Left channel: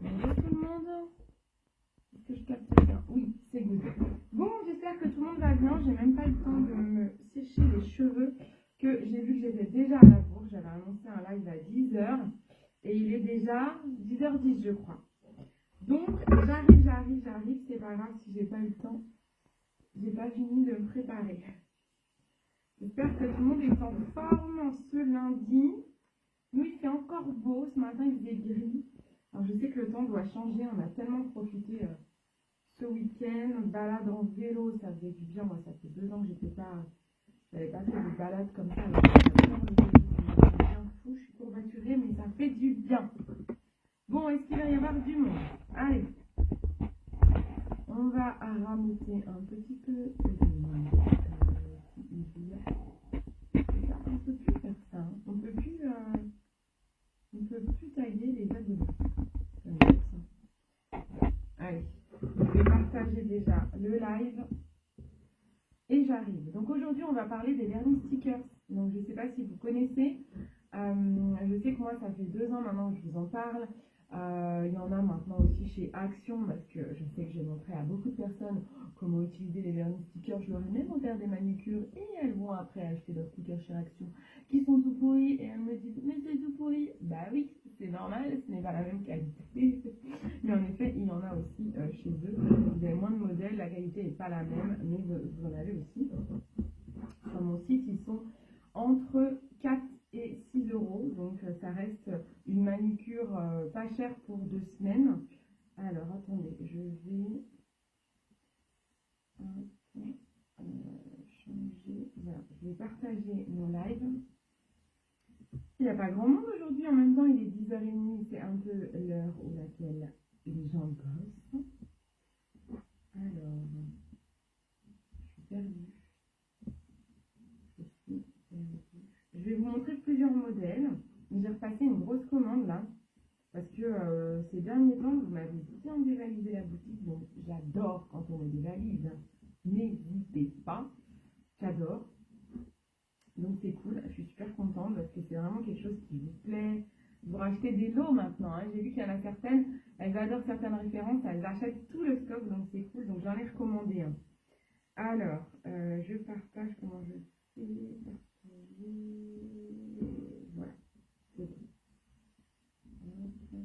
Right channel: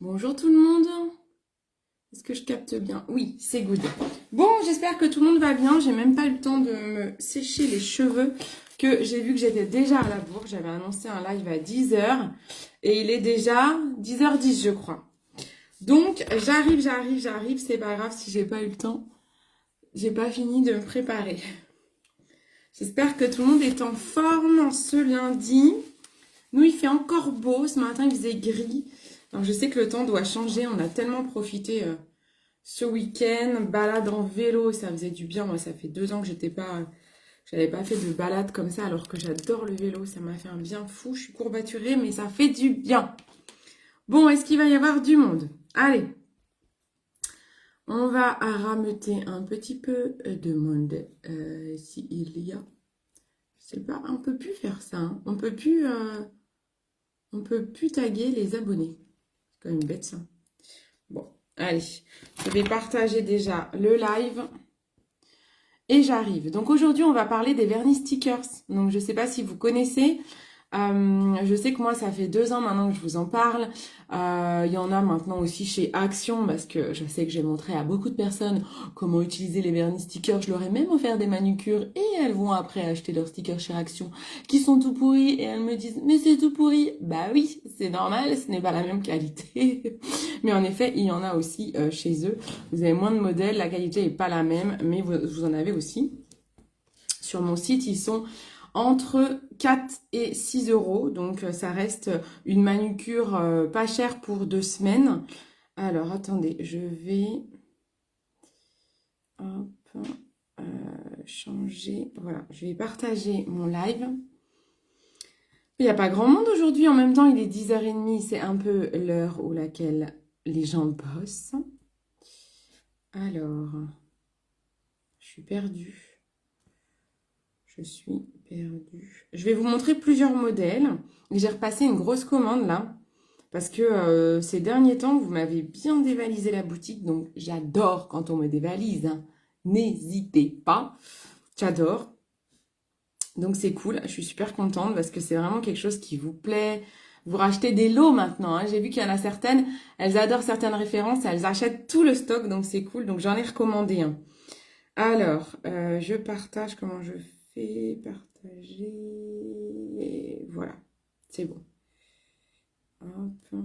Bonjour tout le monde. Est-ce que je capte bien? Oui, c'est good. Bon, j'espère que tout le monde va bien. J'ai même pas eu le temps de me sécher les cheveux que j'ai vu que j'étais déjà à la bourre. J'avais annoncé un live à 10h et il est déjà 10h10 je crois. Donc j'arrive. C'est pas grave si j'ai pas eu le temps. J'ai pas fini de me préparer. J'espère que tout le monde est en forme en ce lundi. Nous, il fait encore beau. Ce matin, il faisait gris. Alors, je sais que le temps doit changer. On a tellement profité ce week-end. Balade en vélo, ça faisait du bien. Moi, ça fait 2 ans que j'avais pas fait de balade comme ça. Alors que j'adore le vélo. Ça m'a fait un bien fou. Je suis courbaturée, mais ça fait du bien. Bon, est-ce qu'il va y avoir du monde? Allez. On va rameuter un petit peu de monde. S'il y a. Je sais pas, on peut plus faire ça. Hein. On peut plus taguer les abonnés. C'est quand même bête ça. Bon, allez. Je vais partager déjà le live. Et j'arrive. Donc aujourd'hui, on va parler des vernis stickers. Donc je ne sais pas si vous connaissez. Je sais que moi, ça fait 2 ans maintenant que je vous en parle. Il y en a maintenant aussi chez Action parce que je sais que j'ai montré à beaucoup de personnes comment utiliser les vernis stickers. Je leur ai même offert des manucures et elles vont après acheter leurs stickers chez Action qui sont tout pourris et elles me disent mais c'est tout pourri. Bah oui, c'est normal, ce n'est pas la même qualité. Mais en effet, il y en a aussi chez eux. Vous avez moins de modèles, la qualité n'est pas la même, mais vous en avez aussi. Sur mon site, ils sont entre 4 et 6 euros. Donc, ça reste une manucure pas chère pour 2 semaines. Alors, attendez, je vais hop, changer. Voilà, je vais partager mon live. Il n'y a pas grand monde aujourd'hui. En même temps, il est 10h30. C'est un peu l'heure où laquelle les gens bossent. Alors, je suis perdue. Je suis perdue. Je vais vous montrer plusieurs modèles. J'ai repassé une grosse commande là. Parce que ces derniers temps, vous m'avez bien dévalisé la boutique. Donc, j'adore quand on me dévalise. Hein. N'hésitez pas. J'adore. Donc, c'est cool. Je suis super contente parce que c'est vraiment quelque chose qui vous plaît. Vous rachetez des lots maintenant. Hein. J'ai vu qu'il y en a certaines. Elles adorent certaines références. Elles achètent tout le stock. Donc, c'est cool. Donc, j'en ai recommandé un. Alors, je partage. Comment je fais? Partager. Et voilà. C'est bon. Hop.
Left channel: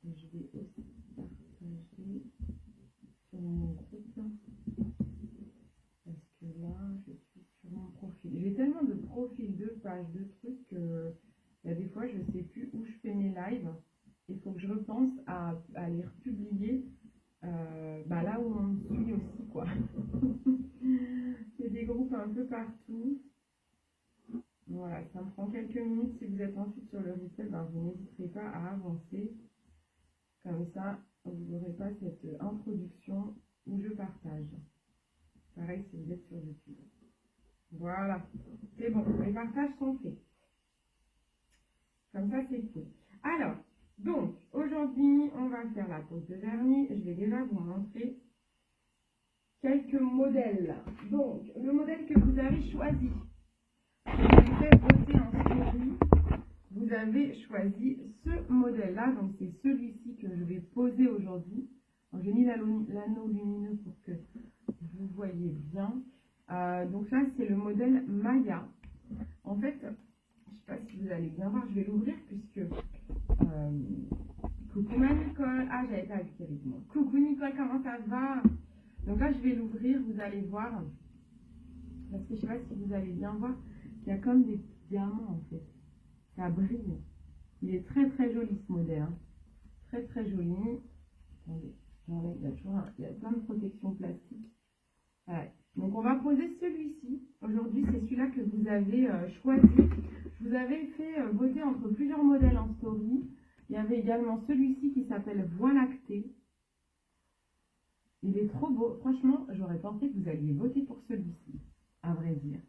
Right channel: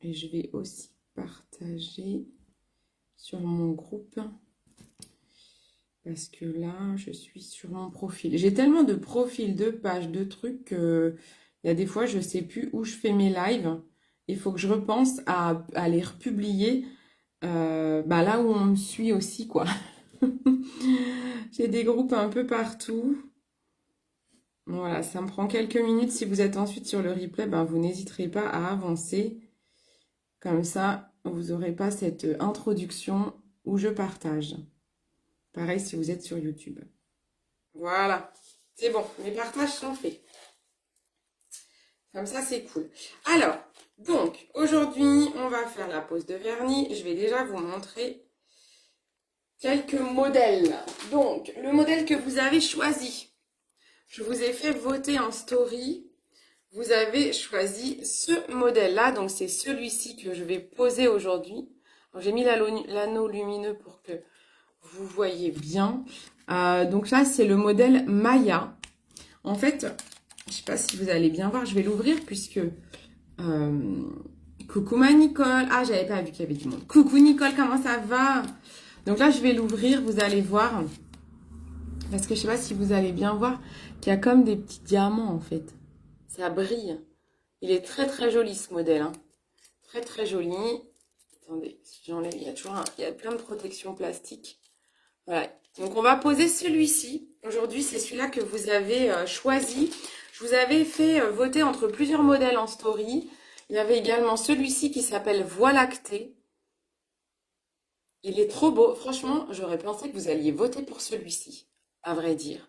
Et je vais aussi partager sur mon groupe. Parce que là, je suis sur mon profil. J'ai tellement de profils, de pages, de trucs que il y a des fois, je ne sais plus où je fais mes lives. Il faut que je repense à les republier là où on me suit aussi, quoi. J'ai des groupes un peu partout. Voilà, ça me prend quelques minutes. Si vous êtes ensuite sur le replay, vous n'hésiterez pas à avancer. Comme ça, vous n'aurez pas cette introduction où je partage. Pareil si vous êtes sur YouTube. Voilà, c'est bon, mes partages sont faits. Comme ça, c'est cool. Alors, donc, aujourd'hui, on va faire la pose de vernis. Je vais déjà vous montrer quelques modèles. Donc, le modèle que vous avez choisi. Je vous ai fait voter en story. Vous avez choisi ce modèle-là. Donc, c'est celui-ci que je vais poser aujourd'hui. J'ai mis l'anneau lumineux pour que vous voyez bien. Donc là, c'est le modèle Maya. En fait, je ne sais pas si vous allez bien voir. Je vais l'ouvrir puisque... coucou ma Nicole. Ah, j'avais pas vu qu'il y avait du monde. Coucou Nicole, comment ça va? Donc là, je vais l'ouvrir. Vous allez voir. Parce que je ne sais pas si vous allez bien voir qu'il y a comme des petits diamants en fait. Ça brille. Il est très très joli ce modèle. Hein. Très très joli. Attendez, si j'enlève, il y a plein de protections plastiques. Voilà. Donc on va poser celui-ci. Aujourd'hui, c'est celui-là que vous avez choisi. Je vous avais fait voter entre plusieurs modèles en story. Il y avait également celui-ci qui s'appelle Voie lactée. Il est trop beau. Franchement, j'aurais pensé que vous alliez voter pour celui-ci, à vrai dire.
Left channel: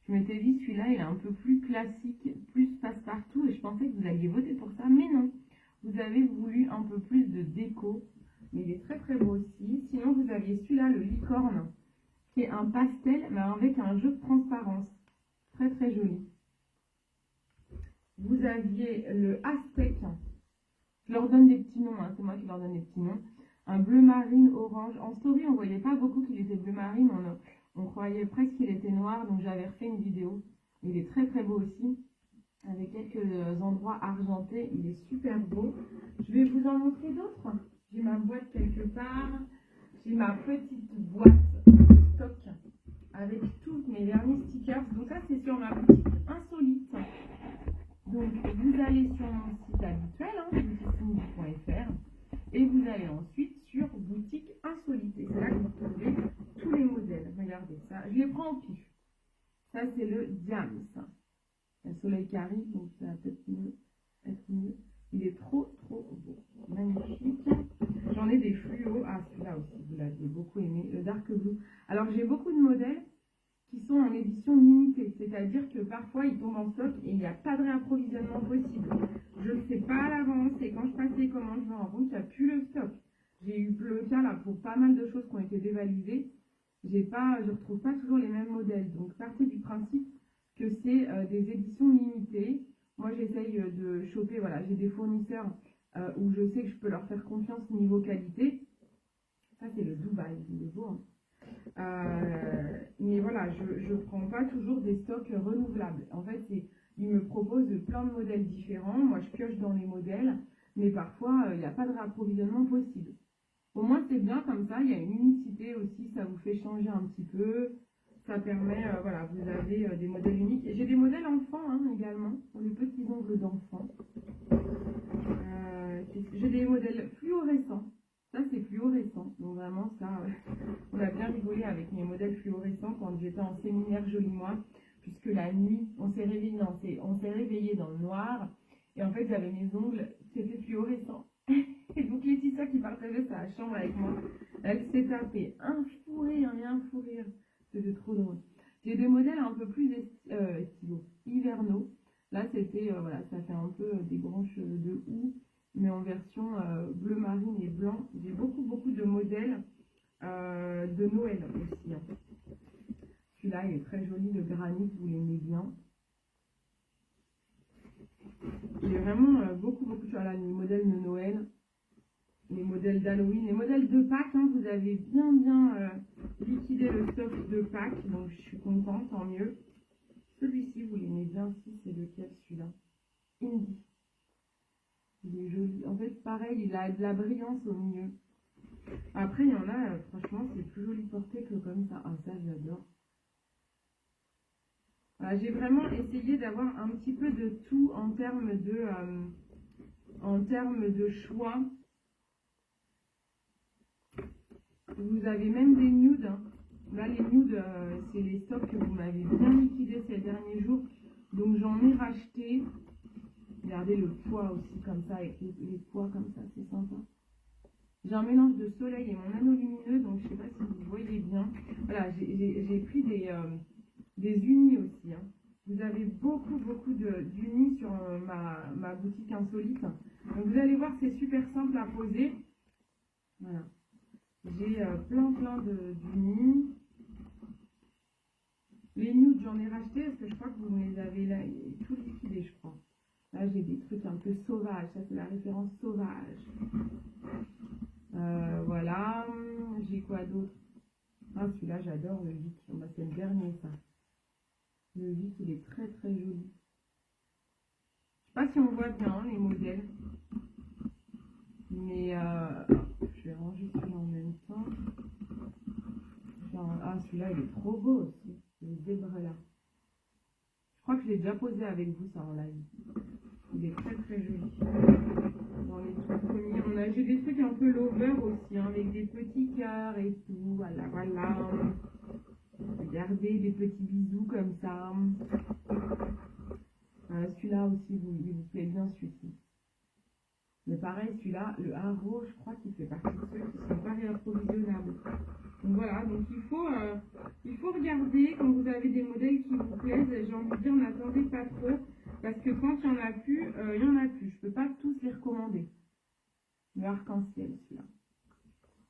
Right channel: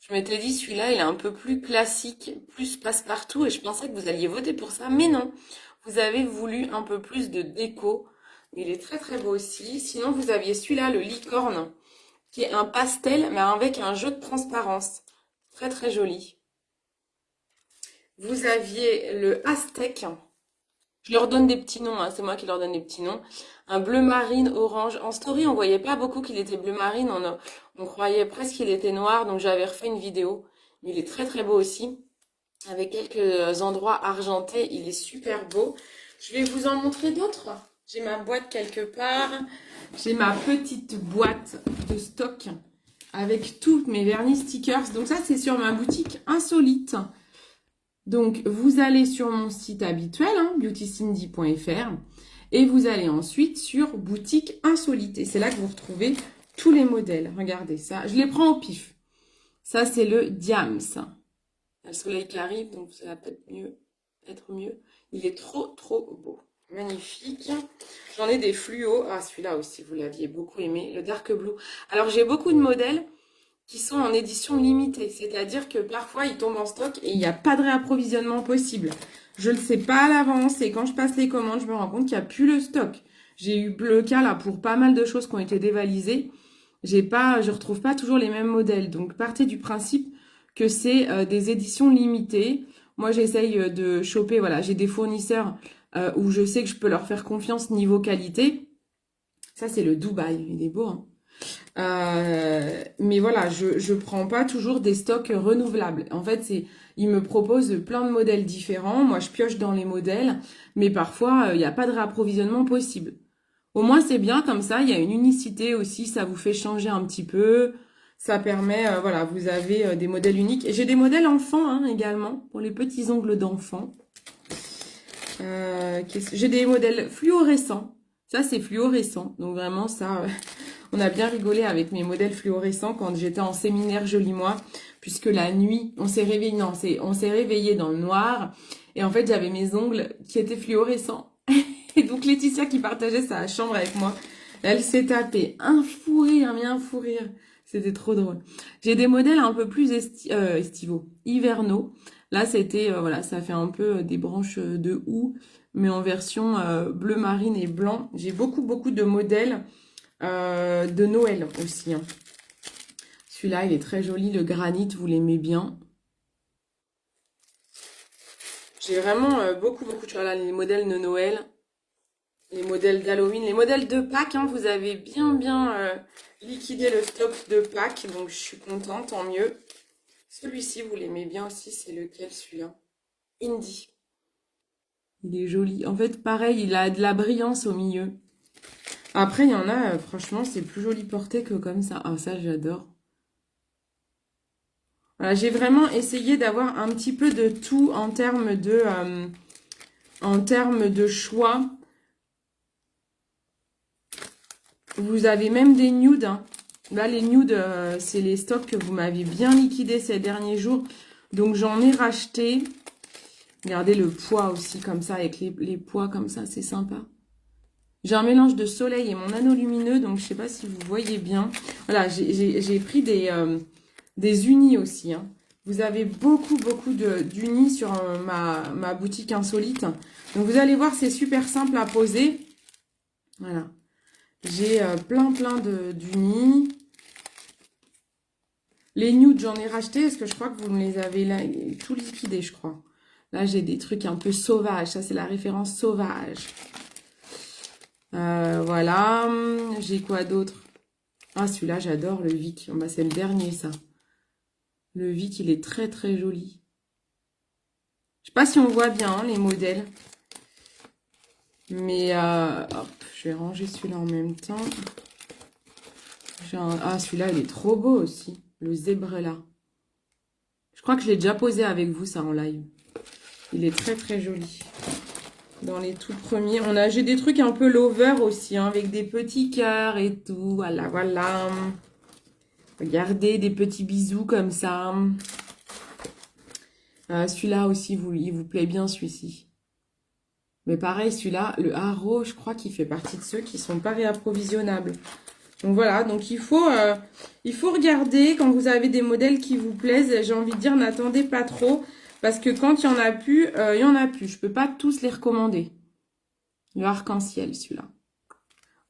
Je m'étais dit, celui-là, il est un peu plus classique, plus passe-partout, et je pensais que vous alliez voter pour ça, mais non. Vous avez voulu un peu plus de déco, mais il est très très beau aussi. Sinon, vous aviez celui-là, le licorne, qui est un pastel, mais avec un jeu de transparence. Très très joli. Vous aviez le aztèque. Je leur donne des petits noms, hein, c'est moi qui leur donne des petits noms. Un bleu marine, orange. En story, on voyait pas beaucoup qu'il était bleu marine. On croyait presque qu'il était noir, donc j'avais refait une vidéo. Il est très très beau aussi, avec quelques endroits argentés. Il est super beau. Je vais vous en montrer d'autres. J'ai ma boîte quelque part. J'ai ma petite boîte de stock avec tous mes vernis stickers. Donc ça, c'est sur ma boutique Insolite. Donc, vous allez sur mon site habituel, hein, beautycindy.fr, et vous allez ensuite sur boutique Insolite. Et c'est là que vous retrouvez tous les modèles. Regardez ça. Je les prends au pif. Ça, c'est le Diams. Il y a le soleil qui arrive, donc ça va peut-être être mieux. Il est trop, trop beau. Magnifique. J'en ai des fluos. Ah, celui-là aussi, vous l'aviez beaucoup aimé. Le Dark Blue. Alors, j'ai beaucoup de modèles qui sont en édition limitée. C'est-à-dire que parfois, ils tombent en stock et il n'y a pas de réapprovisionnement possible. Je ne le sais pas à l'avance et quand je passe les commandes, je me rends compte qu'il n'y a plus le stock. J'ai eu le cas là pour pas mal de choses qui ont été dévalisées. Je retrouve pas toujours les mêmes modèles. Donc, partez du principe que c'est des éditions limitées. Moi, j'essaye de choper, voilà, j'ai des fournisseurs où je sais que je peux leur faire confiance niveau qualité. Ça, c'est le Dubaï. Il est beau, hein. Mais voilà, je prends pas toujours des stocks renouvelables. En fait, ils me proposent plein de modèles différents. Moi, je pioche dans les modèles, mais parfois, il n'y a pas de réapprovisionnement possible. Au moins, c'est bien comme ça. Il y a une unicité aussi. Ça vous fait changer un petit peu. Ça permet, voilà, vous avez des modèles uniques. Et j'ai des modèles enfants hein, également, pour les petits ongles d'enfants. J'ai des modèles fluorescents. Ça, c'est fluorescent. Donc vraiment, ça, on a bien rigolé avec mes modèles fluorescents quand j'étais en séminaire Joli Moi. Puisque la nuit, on s'est réveillé, non, on s'est réveillé dans le noir. Et en fait, j'avais mes ongles qui étaient fluorescents. Et donc, Laetitia qui partageait sa chambre avec moi, elle s'est tapée un fou rire, mais un fou rire. C'était trop drôle. J'ai des modèles un peu plus estivaux, hivernaux. Là, c'était, voilà, ça fait un peu des branches de houx, mais en version bleu marine et blanc. J'ai beaucoup, beaucoup de modèles de Noël aussi. Hein. Celui-là, il est très joli. Le granit, vous l'aimez bien. J'ai vraiment beaucoup, beaucoup de choses. Là, les modèles de Noël, les modèles d'Halloween, les modèles de Pâques. Hein, vous avez bien, bien liquidé le stock de Pâques. Donc, je suis contente, tant mieux. Celui-ci, vous l'aimez bien aussi. C'est lequel, celui-là? Indie. Il est joli. En fait, pareil, il a de la brillance au milieu. Après, il y en a, franchement, c'est plus joli porté que comme ça. Ah, ça, j'adore. Voilà, j'ai vraiment essayé d'avoir un petit peu de tout en termes de choix. Vous avez même des nudes. Hein. Là, les nudes, c'est les stocks que vous m'avez bien liquidés ces derniers jours. Donc, j'en ai racheté. Regardez le poids aussi, comme ça, avec les poids comme ça, c'est sympa. J'ai un mélange de soleil et mon anneau lumineux, donc je ne sais pas si vous voyez bien. Voilà, j'ai pris des unis aussi. Hein. Vous avez beaucoup, beaucoup d'unis sur ma boutique Insolite. Donc, vous allez voir, c'est super simple à poser. Voilà. J'ai plein d'unis. Les nudes, j'en ai racheté parce que je crois que vous me les avez là, tout liquidé, je crois. Là, j'ai des trucs un peu sauvages. Ça, c'est la référence sauvage. Voilà. J'ai quoi d'autre? Ah, celui-là, j'adore, le Vic. Bah, c'est le dernier, ça. Le Vic, il est très, très joli. Je sais pas si on voit bien hein, les modèles. Mais, hop, je vais ranger celui-là en même temps. Ah, celui-là, il est trop beau aussi. Le Zebrella. Je crois que je l'ai déjà posé avec vous, ça, en live. Il est très, très joli. Dans les tout premiers. J'ai des trucs un peu lover aussi, hein, avec des petits cœurs et tout. Voilà, voilà. Regardez, des petits bisous comme ça. Celui-là aussi, il vous plaît bien, celui-ci. Mais pareil, celui-là, le haro, je crois qu'il fait partie de ceux qui ne sont pas réapprovisionnables. Donc voilà, donc il faut regarder quand vous avez des modèles qui vous plaisent. J'ai envie de dire, n'attendez pas trop. Parce que quand il n'y en a plus, il n'y en a plus. Je ne peux pas tous les recommander. Le arc-en-ciel, celui-là.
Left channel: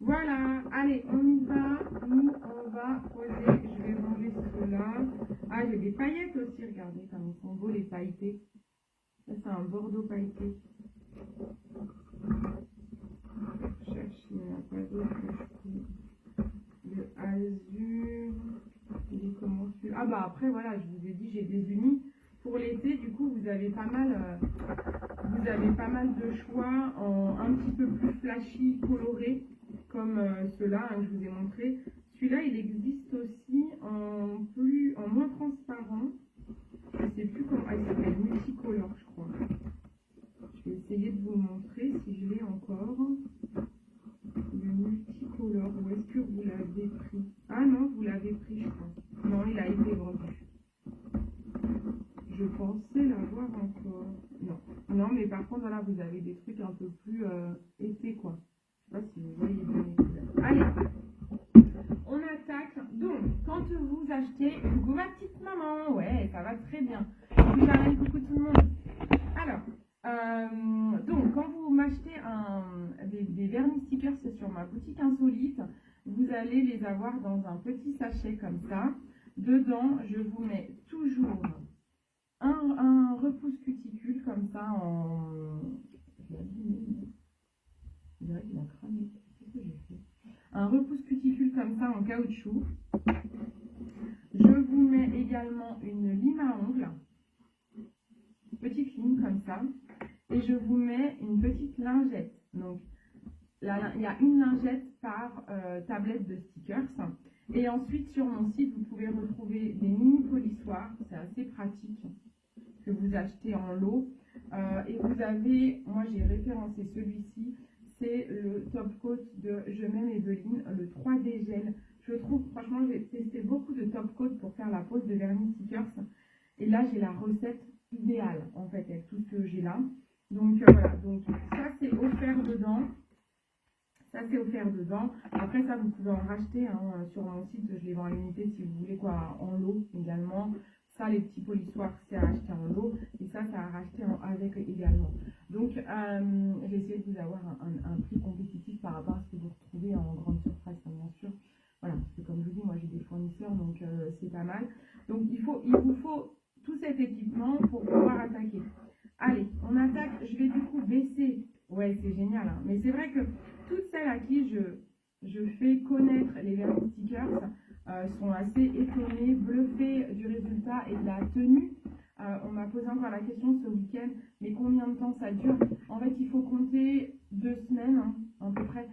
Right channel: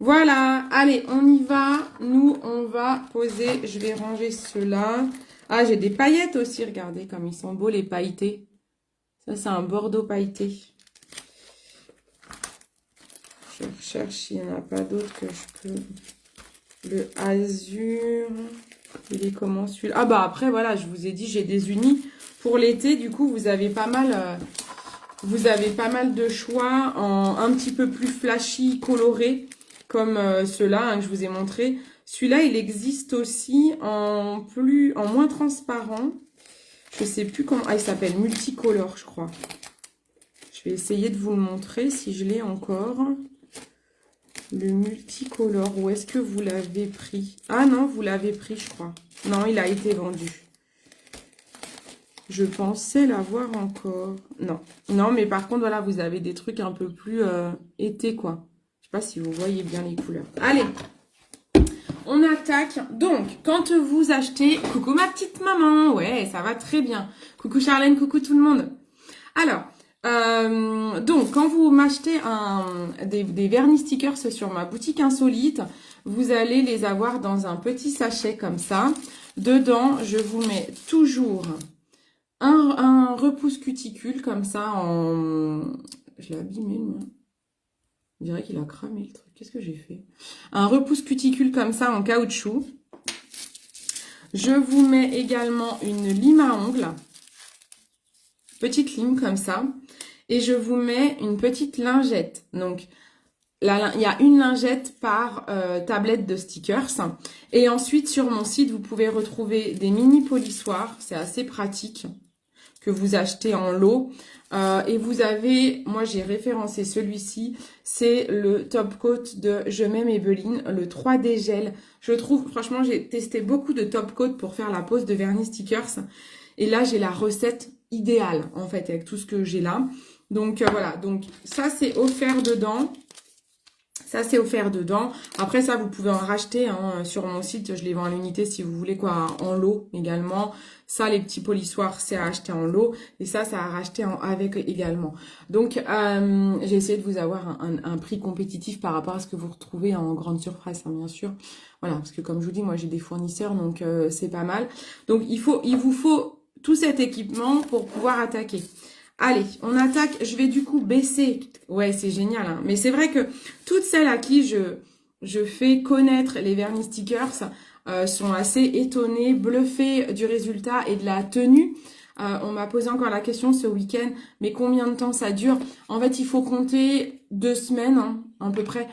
Voilà, allez, on y va. Nous, on va poser. Je vais ranger ceux-là. Ah, j'ai des paillettes aussi. Regardez comme ils sont beaux, les pailletés. Ça, c'est un bordeaux pailleté. recherche s'il n'y en a pas d'autres que je peux... Le azur, il est comment celui-là? Ah bah après, voilà, je vous ai dit, j'ai des unis. Pour l'été, du coup, vous avez pas mal de choix en un petit peu plus flashy, coloré, comme ceux-là hein, que je vous ai montré. Celui-là, il existe aussi en moins transparent. Je sais plus comment... Ah, il s'appelle multicolore, je crois. Je vais essayer de vous le montrer si je l'ai encore. Le multicolore, où est-ce que vous l'avez pris? Ah non, vous l'avez pris, je crois. Non, il a été vendu. Je pensais l'avoir encore. Non. Non, mais par contre, voilà, vous avez des trucs un peu plus été, quoi. Je sais pas si vous voyez bien les couleurs. Allez, on attaque. Donc, quand vous achetez... Coucou ma petite maman. Ouais, ça va très bien. Coucou Charlène, coucou tout le monde. Alors... donc, quand vous m'achetez des vernis stickers sur ma boutique insolite, vous allez les avoir dans un petit sachet comme ça. Dedans, je vous mets toujours un repousse cuticule comme ça en... Je l'ai abîmé, moi. On dirait qu'il a cramé le truc. Qu'est-ce que j'ai fait? Un repousse cuticule comme ça en caoutchouc. Je vous mets également une lime à ongles. Petite lime comme ça. Et je vous mets une petite lingette. Donc, il y a une lingette par tablette de stickers. Et ensuite, sur mon site, vous pouvez retrouver des mini polissoirs. C'est assez pratique que vous achetez en lot. Et vous avez, moi j'ai référencé celui-ci, c'est le top coat de Je m'aime Maybelline, le 3D gel. Je trouve, franchement, j'ai testé beaucoup de top coat pour faire la pose de vernis stickers. Et là, j'ai la recette idéale, en fait, avec tout ce que j'ai là. Donc, voilà. Donc, ça, c'est offert dedans. Ça, c'est offert dedans. Après, ça, vous pouvez en racheter hein, sur mon site. Je les vends à l'unité si vous voulez, quoi, en lot également. Ça, les petits polissoirs, c'est à acheter en lot. Et ça, c'est à racheter avec également. Donc, j'ai essayé de vous avoir un prix compétitif par rapport à ce que vous retrouvez en grande surface, hein, bien sûr. Voilà, parce que comme je vous dis, moi, j'ai des fournisseurs, donc c'est pas mal. Donc, il vous faut tout cet équipement pour pouvoir attaquer. Allez, on attaque. Je vais du coup baisser. Ouais, c'est génial. Hein. Mais c'est vrai que toutes celles à qui je fais connaître les vernis stickers sont assez étonnées, bluffées du résultat et de la tenue. On m'a posé encore la question ce week-end, mais combien de temps ça dure? En fait, il faut compter 2 semaines, hein, à peu près.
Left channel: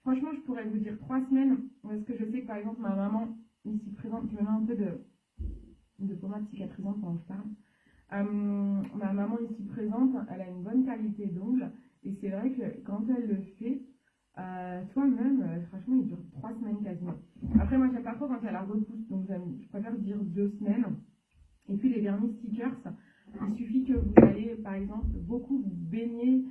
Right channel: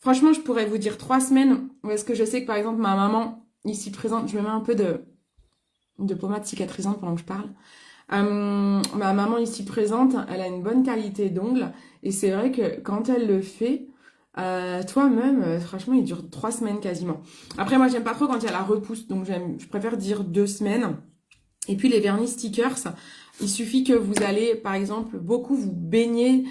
Franchement, je pourrais vous dire 3 semaines. Parce que je sais que par exemple, ma maman, ici présente, je me mets un peu de pommade cicatrisante pendant que je parle. Ma maman ici présente, elle a une bonne qualité d'ongles et c'est vrai que quand elle le fait, toi-même, franchement, il dure 3 semaines quasiment. Après, moi, j'aime pas trop quand il y a la repousse, donc je préfère dire 2 semaines. Et puis, les vernis stickers, il suffit que vous allez, par exemple, beaucoup vous baigner.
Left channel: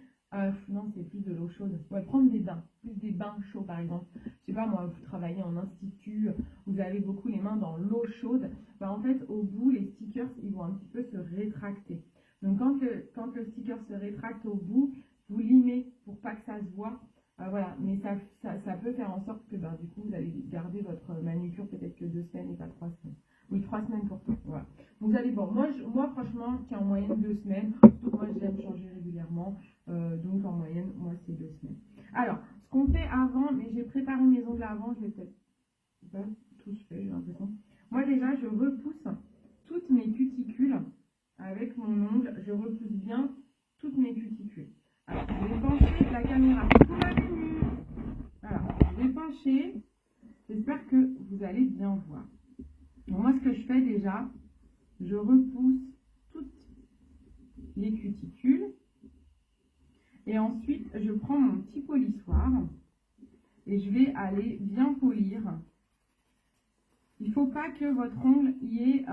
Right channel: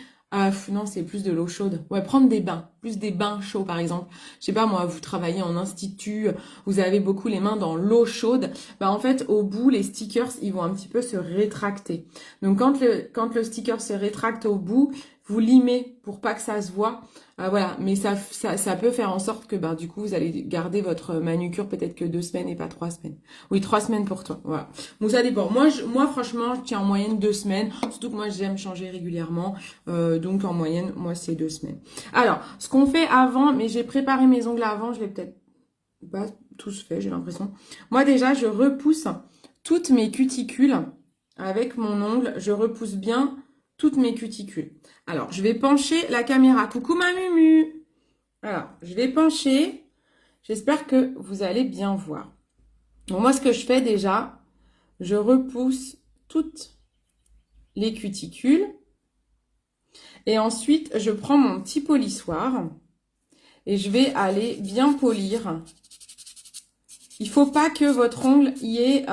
Non, c'est plus de l'eau chaude. Ouais, prendre des bains, plus des bains chauds par exemple. Je sais pas moi, vous travaillez en institut, vous avez beaucoup les mains dans l'eau chaude. Bah en fait, au bout, les stickers, ils vont un petit peu se rétracter. Donc quand le sticker se rétracte au bout, vous limez pour pas que ça se voit. Voilà, mais ça peut faire en sorte que bah, du coup, vous allez garder votre manucure peut-être que 2 semaines et pas 3 semaines. Oui, 3 semaines pour toi. Voilà. Donc ça dépend. Moi franchement, je tiens en moyenne 2 semaines. Surtout que moi, j'aime changer régulièrement. Donc en moyenne, moi, c'est 2 semaines. Alors, ce qu'on fait avant, mais j'ai préparé mes ongles avant, je l'ai peut-être pas tous fait, j'ai l'impression. Moi déjà, je repousse toutes mes cuticules avec mon ongle. Je repousse bien toutes mes cuticules. Alors, je vais pencher la caméra. Coucou ma mumu. Alors, je vais pencher. J'espère que vous allez bien voir. Donc, moi, ce que je fais déjà, je repousse toutes les cuticules. Et ensuite, je prends mon petit polissoir et je vais aller bien polir. Il ne faut pas que votre ongle y ait...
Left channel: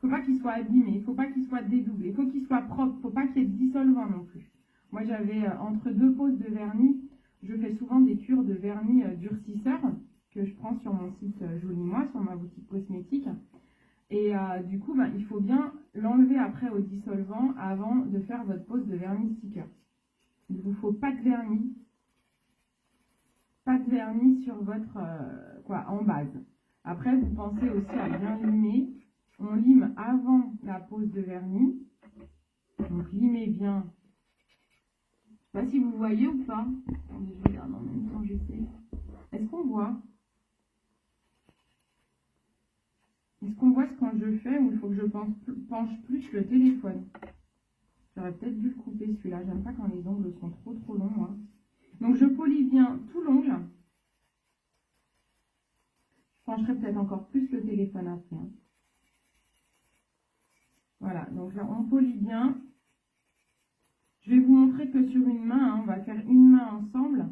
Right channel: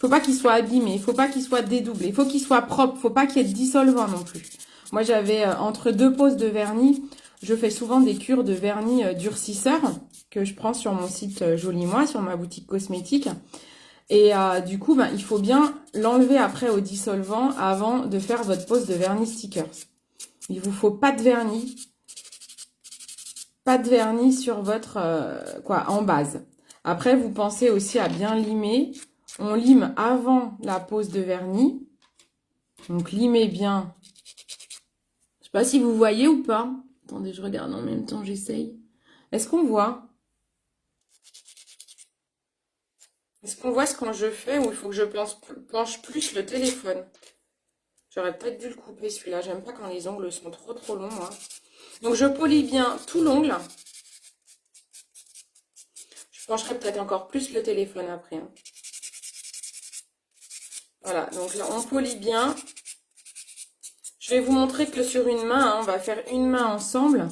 faut pas qu'il soit abîmé, il faut pas qu'il soit dédoublé, il faut qu'il soit propre, il faut pas qu'il y ait de dissolvant non plus. Moi, j'avais entre 2 poses de vernis, je fais souvent des cures de vernis durcisseur que je prends sur mon site Joli Moi, sur ma boutique cosmétique. Et du coup, ben, il faut bien l'enlever après au dissolvant avant de faire votre pose de vernis stickers. Il vous faut pas de vernis sur votre, en base. Après, vous pensez aussi à bien limer. On lime avant la pose de vernis. Donc, limez bien. Je sais pas si vous voyez ou pas. Attendez, je regarde en même temps, j'essaye. Est-ce qu'on voit? Est-ce qu'on voit ce que je fais ou il faut que je penche plus le téléphone? J'aurais peut-être dû le couper celui-là. J'aime pas quand les ongles sont trop longs, moi. Donc je polis bien tout l'ongle. Je pencherai peut-être encore plus le téléphone après, hein. Voilà, donc là on polit bien. Je vais vous montrer que sur une main, hein, on va faire une main ensemble.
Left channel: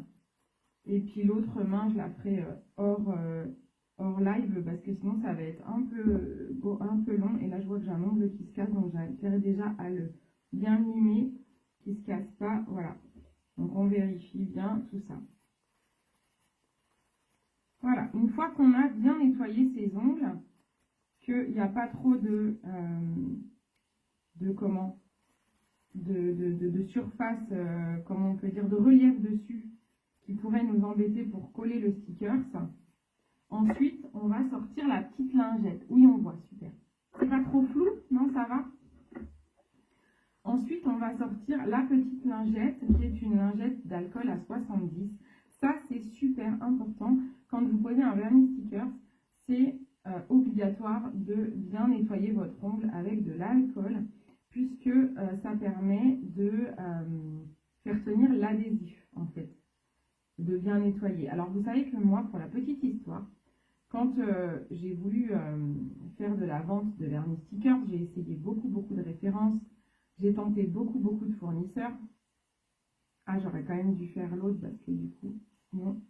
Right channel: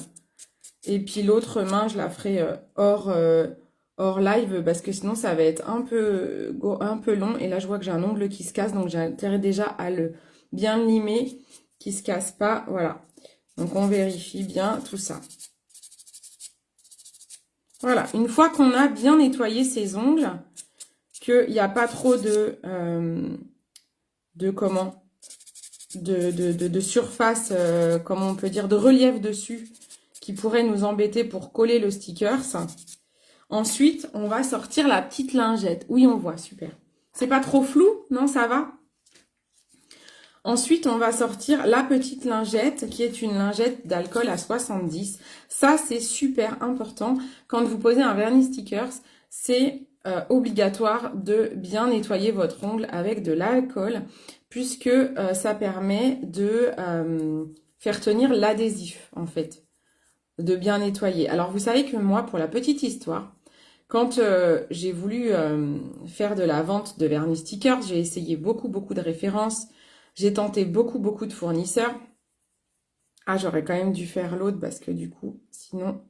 Et puis l'autre main, je la ferai hors live parce que sinon ça va être un peu long. Et là, je vois que j'ai un ongle qui se casse, donc j'ai intérêt déjà à le bien limer, qui ne se casse pas. Voilà, donc on vérifie bien tout ça. Voilà, une fois qu'on a bien nettoyé ses ongles, qu'il n'y a pas trop de surface, comment on peut dire, de relief dessus qui pourrait nous embêter pour coller le stickers. Ensuite, on va sortir la petite lingette. Oui, on voit, super. C'est pas trop flou? Non, ça va? Ensuite, on va sortir la petite lingette qui est une lingette d'alcool à 70. Ça, c'est super important. Quand vous posez un vernis stickers, c'est obligatoire de bien nettoyer votre ongle avec de l'alcool puisque ça permet de faire tenir l'adhésif, en fait, de bien nettoyer. Alors, vous savez que moi, pour la petite histoire, quand j'ai voulu faire de la vente de vernis stickers, j'ai essayé beaucoup de références. J'ai tenté beaucoup de fournisseurs. Ah, j'aurais quand même dû faire l'autre parce que du coup, sinon,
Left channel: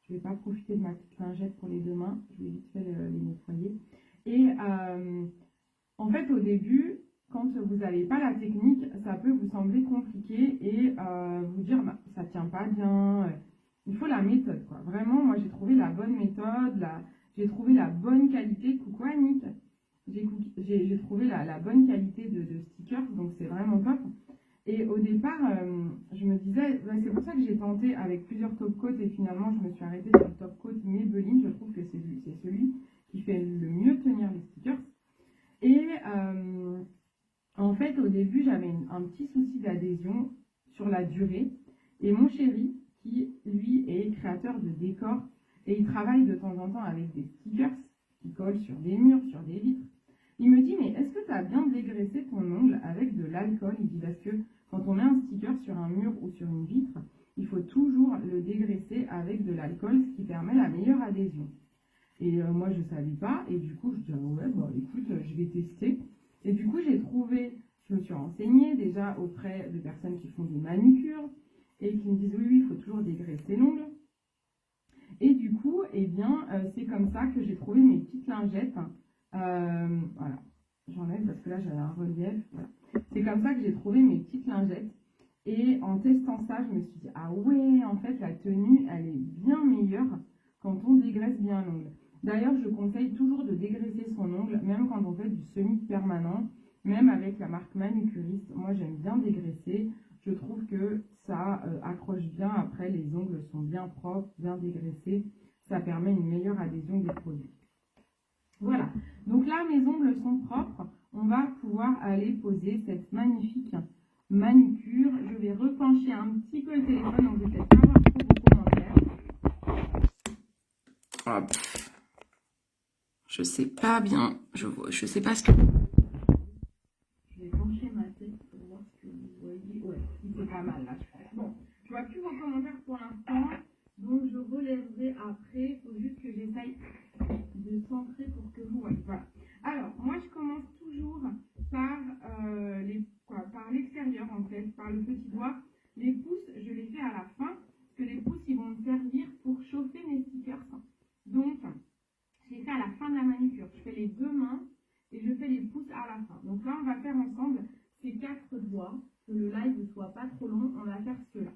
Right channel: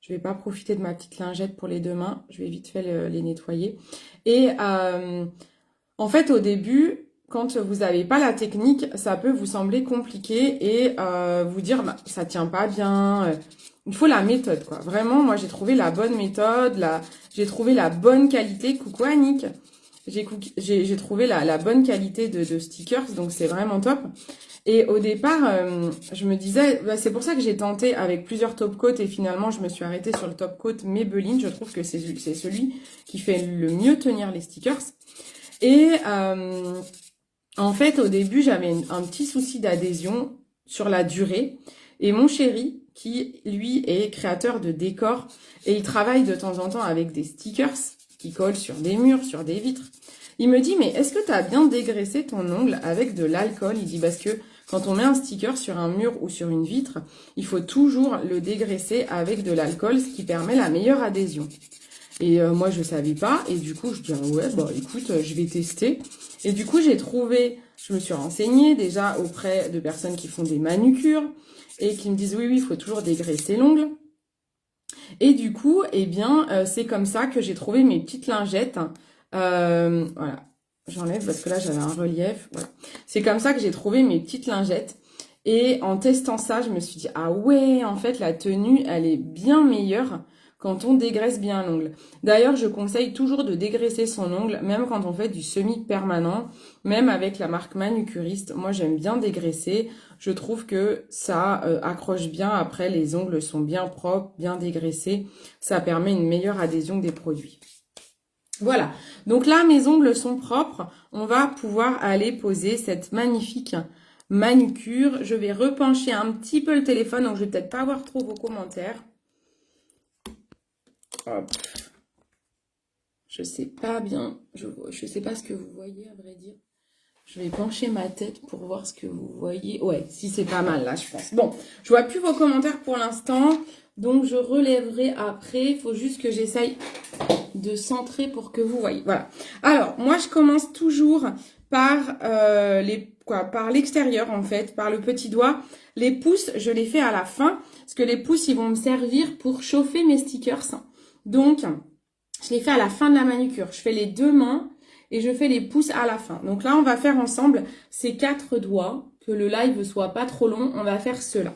je ne vais pas profiter de ma petite lingette pour les deux mains. Je vais vite fait les nettoyer. Et en fait, au début, quand vous n'avez pas la technique, ça peut vous sembler compliqué et vous dire, bah, ça ne tient pas bien. Il faut la méthode, quoi. Vraiment, moi, j'ai trouvé la bonne méthode. J'ai trouvé la bonne qualité. Coucou Annick. J'ai trouvé la bonne qualité de stickers, donc c'est vraiment top. Et au départ, je me disais, bah, c'est pour ça que j'ai tenté avec plusieurs top coats et finalement je me suis arrêtée sur le top coat Maybelline. Je trouve que c'est celui qui fait le mieux tenir les stickers. Et en fait, au début, j'avais un petit souci d'adhésion sur la durée. Et mon chéri, qui lui est créateur de décors, et il travaille de temps en temps avec des stickers qui collent sur des murs, sur des vitres. Il me dit, mais est-ce que tu as bien dégraissé ton ongle avec de l'alcool? Il dit, parce que quand on met un sticker sur un mur ou sur une vitre, il faut toujours le dégraisser avec de l'alcool, ce qui permet la meilleure adhésion. Et moi, je ne savais pas. Et du coup, je dis, ah ouais, bah écoute, je vais tester. Et du coup, je me suis renseignée déjà auprès de personnes qui font des manucures et qui me disent, oui, il faut toujours dégraisser l'ongle. Et du coup, eh bien, c'est comme ça que j'ai trouvé mes petites lingettes. Voilà, j'enlève parce que là, j'avais un relief. Voilà. C'est comme ça que j'ai trouvé mes petites lingettes. Et en testant ça, je me suis dit, ah ouais, en fait, la tenue, elle est bien meilleure quand on dégraisse bien l'ongle. D'ailleurs, je conseille toujours de dégraisser son ongle, même quand on fait du semi-permanent, même avec la marque manucuriste. Moi, j'aime bien dégraisser. Je trouve que ça accroche bien. Après, les ongles sont bien propres, bien dégraissés. Ça permet une meilleure adhésion des produits. Voilà. Donc là, mes ongles sont propres. On va pouvoir aller poser cette magnifique manucure. Je vais repencher un petit peu le téléphone, donc je vais peut-être pas avoir trop vos commentaires. Hop. Je sais pas bien. Je sais pas ce que vous voyez, à vrai dire. Je vais pencher ma tête pour voir ce que vous voyez. Ouais, si c'est pas mal là, je pense. Bon, je vois plus vos commentaires pour l'instant. Donc, je relèverai après. Il faut juste que j'essaye de centrer pour que vous voyez. Voilà. Alors, moi, je commence toujours par l'extérieur, en fait, par le petit doigt. Les pouces, je les fais à la fin. Parce que les pouces, ils vont me servir pour chauffer mes stickers. Donc, je les fais à la fin de la manucure. Je fais les deux mains et je fais les pouces à la fin. Donc là, on va faire ensemble ces 4 doigts. Que le live soit pas trop long, on va faire cela.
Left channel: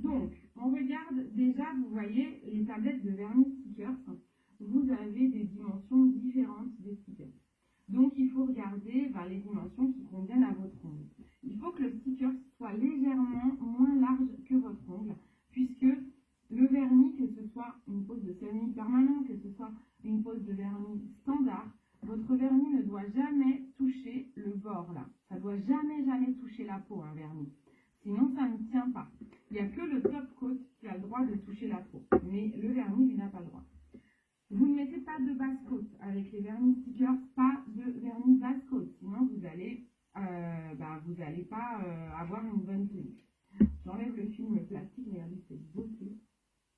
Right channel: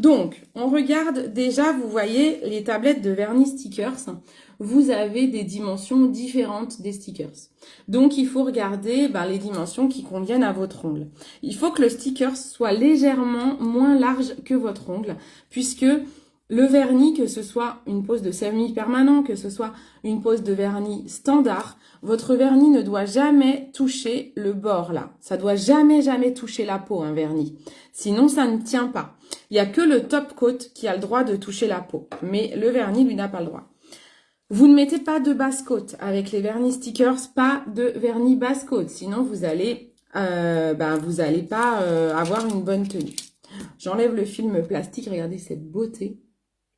Donc, on regarde déjà, vous voyez, les tablettes de vernis stickers. Vous avez des dimensions différentes des stickers. Donc, il faut regarder les dimensions qui conviennent à votre ongle. Il faut que le sticker soit légèrement moins large que votre ongle, puisque le vernis, que ce soit une pose de semi-permanent, que ce soit une pose de vernis standard, votre vernis ne doit jamais toucher le bord là. Ça doit jamais, jamais toucher la peau, un vernis. Sinon, ça ne tient pas. Il n'y a que le top coat qui a le droit de toucher la peau. Mais le vernis, lui, n'a pas le droit. Vous ne mettez pas de base coat avec les vernis stickers, pas de vernis base coat. Sinon, vous allez pas avoir une bonne tenue. J'enlève le film plastique. Regardez cette beauté.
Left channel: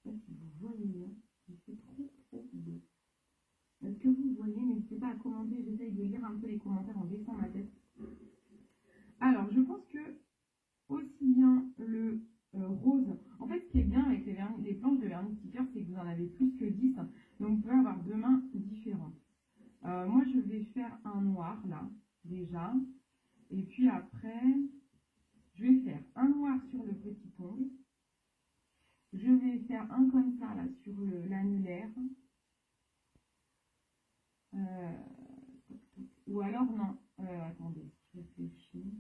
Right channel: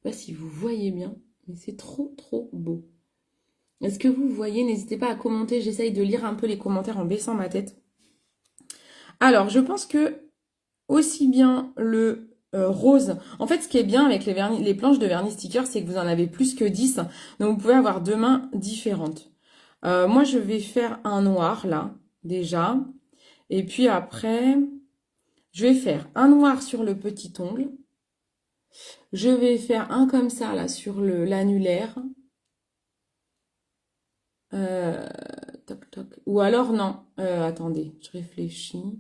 Je ne sais pas si vous voyez bien, mais c'est trop, trop beau. Est-ce que vous voyez? N'hésitez pas à commenter. J'essaye de lire un peu les commentaires en baissant ma tête. Alors, je pense que aussi bien le rose. En fait, ce qui est bien avec les planches de vernis sticker, c'est que vous en avez plus que 10. Donc, vous pouvez avoir deux mains différentes. Moi, je vais faire un noir, là, déjà. Et puis après, je vais faire un noir sur le petit ongle. Je vais faire un comme ça, là, sur l'annulaire. Toc, toc. Ou alors, non. Attendez, je réfléchis.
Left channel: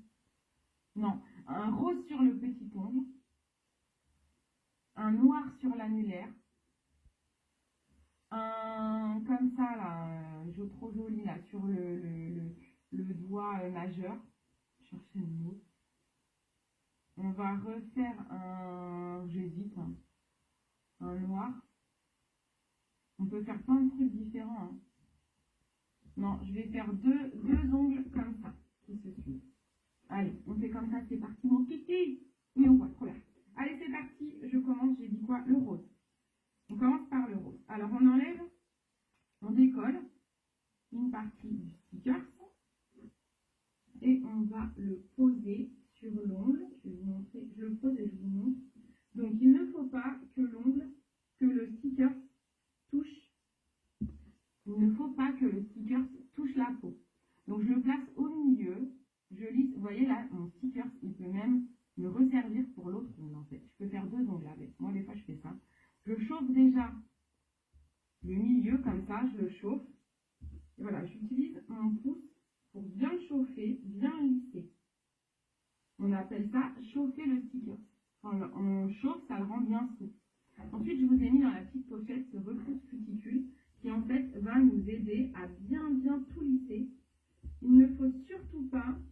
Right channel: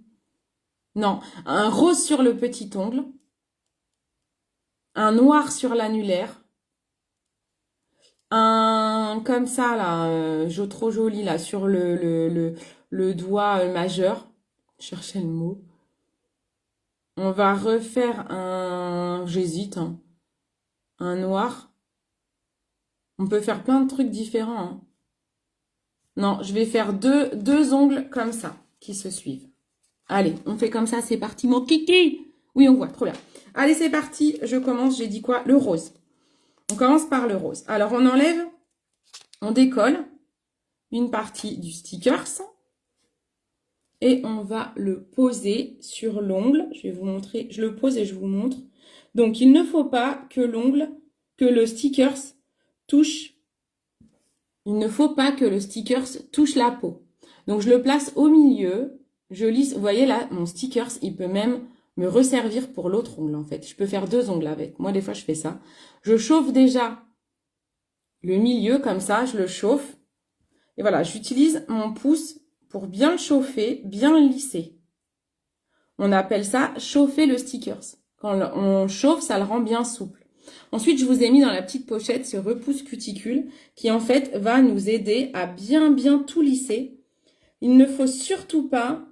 Non, un rose sur le petit ongle. Un noir sur l'annulaire. Un comme ça, là, trop joli, là, sur le doigt majeur. Je cherchais le mot. On va refaire un... J'hésite, hein. Un noir. On peut faire plein de trucs différents, hein. Non, je vais faire deux ongles comme ça, qui se suivent. Allez, on fait comme ça, c'est parti, mon kiki. Oui, on voit, trop bien. Allez, c'est parti, je commence, j'ai dit quoi? Le rose. On commence par le rose. Alors, on enlève, on décolle une partie du stickers et on va le poser sur l'ongle. Je vais vous montrer, je le pose et je vous montre. Donc, il ne faut pas que le stickers touche. Il ne faut pas que le stickers touche la peau. Donc, je le place au milieu. Je lisse, vous voyez là, mon stickers, il peut même me resservir pour l'autre ongle en fait. Je peux faire deux ongles avec. Moi, des fois, je fais ça. Je chauffe déjà le milieu comme ça, je le chauffe. Et voilà, j'utilise mon pouce pour bien le chauffer, bien le lisser. On appelle ça chauffer le stickers. Quand on chauffe, ça le rend bien souple. Ensuite, je vous ai mis dans la petite pochette ce repousse cuticule qui en fait va nous aider à bien tout lisser. Il ne faut surtout pas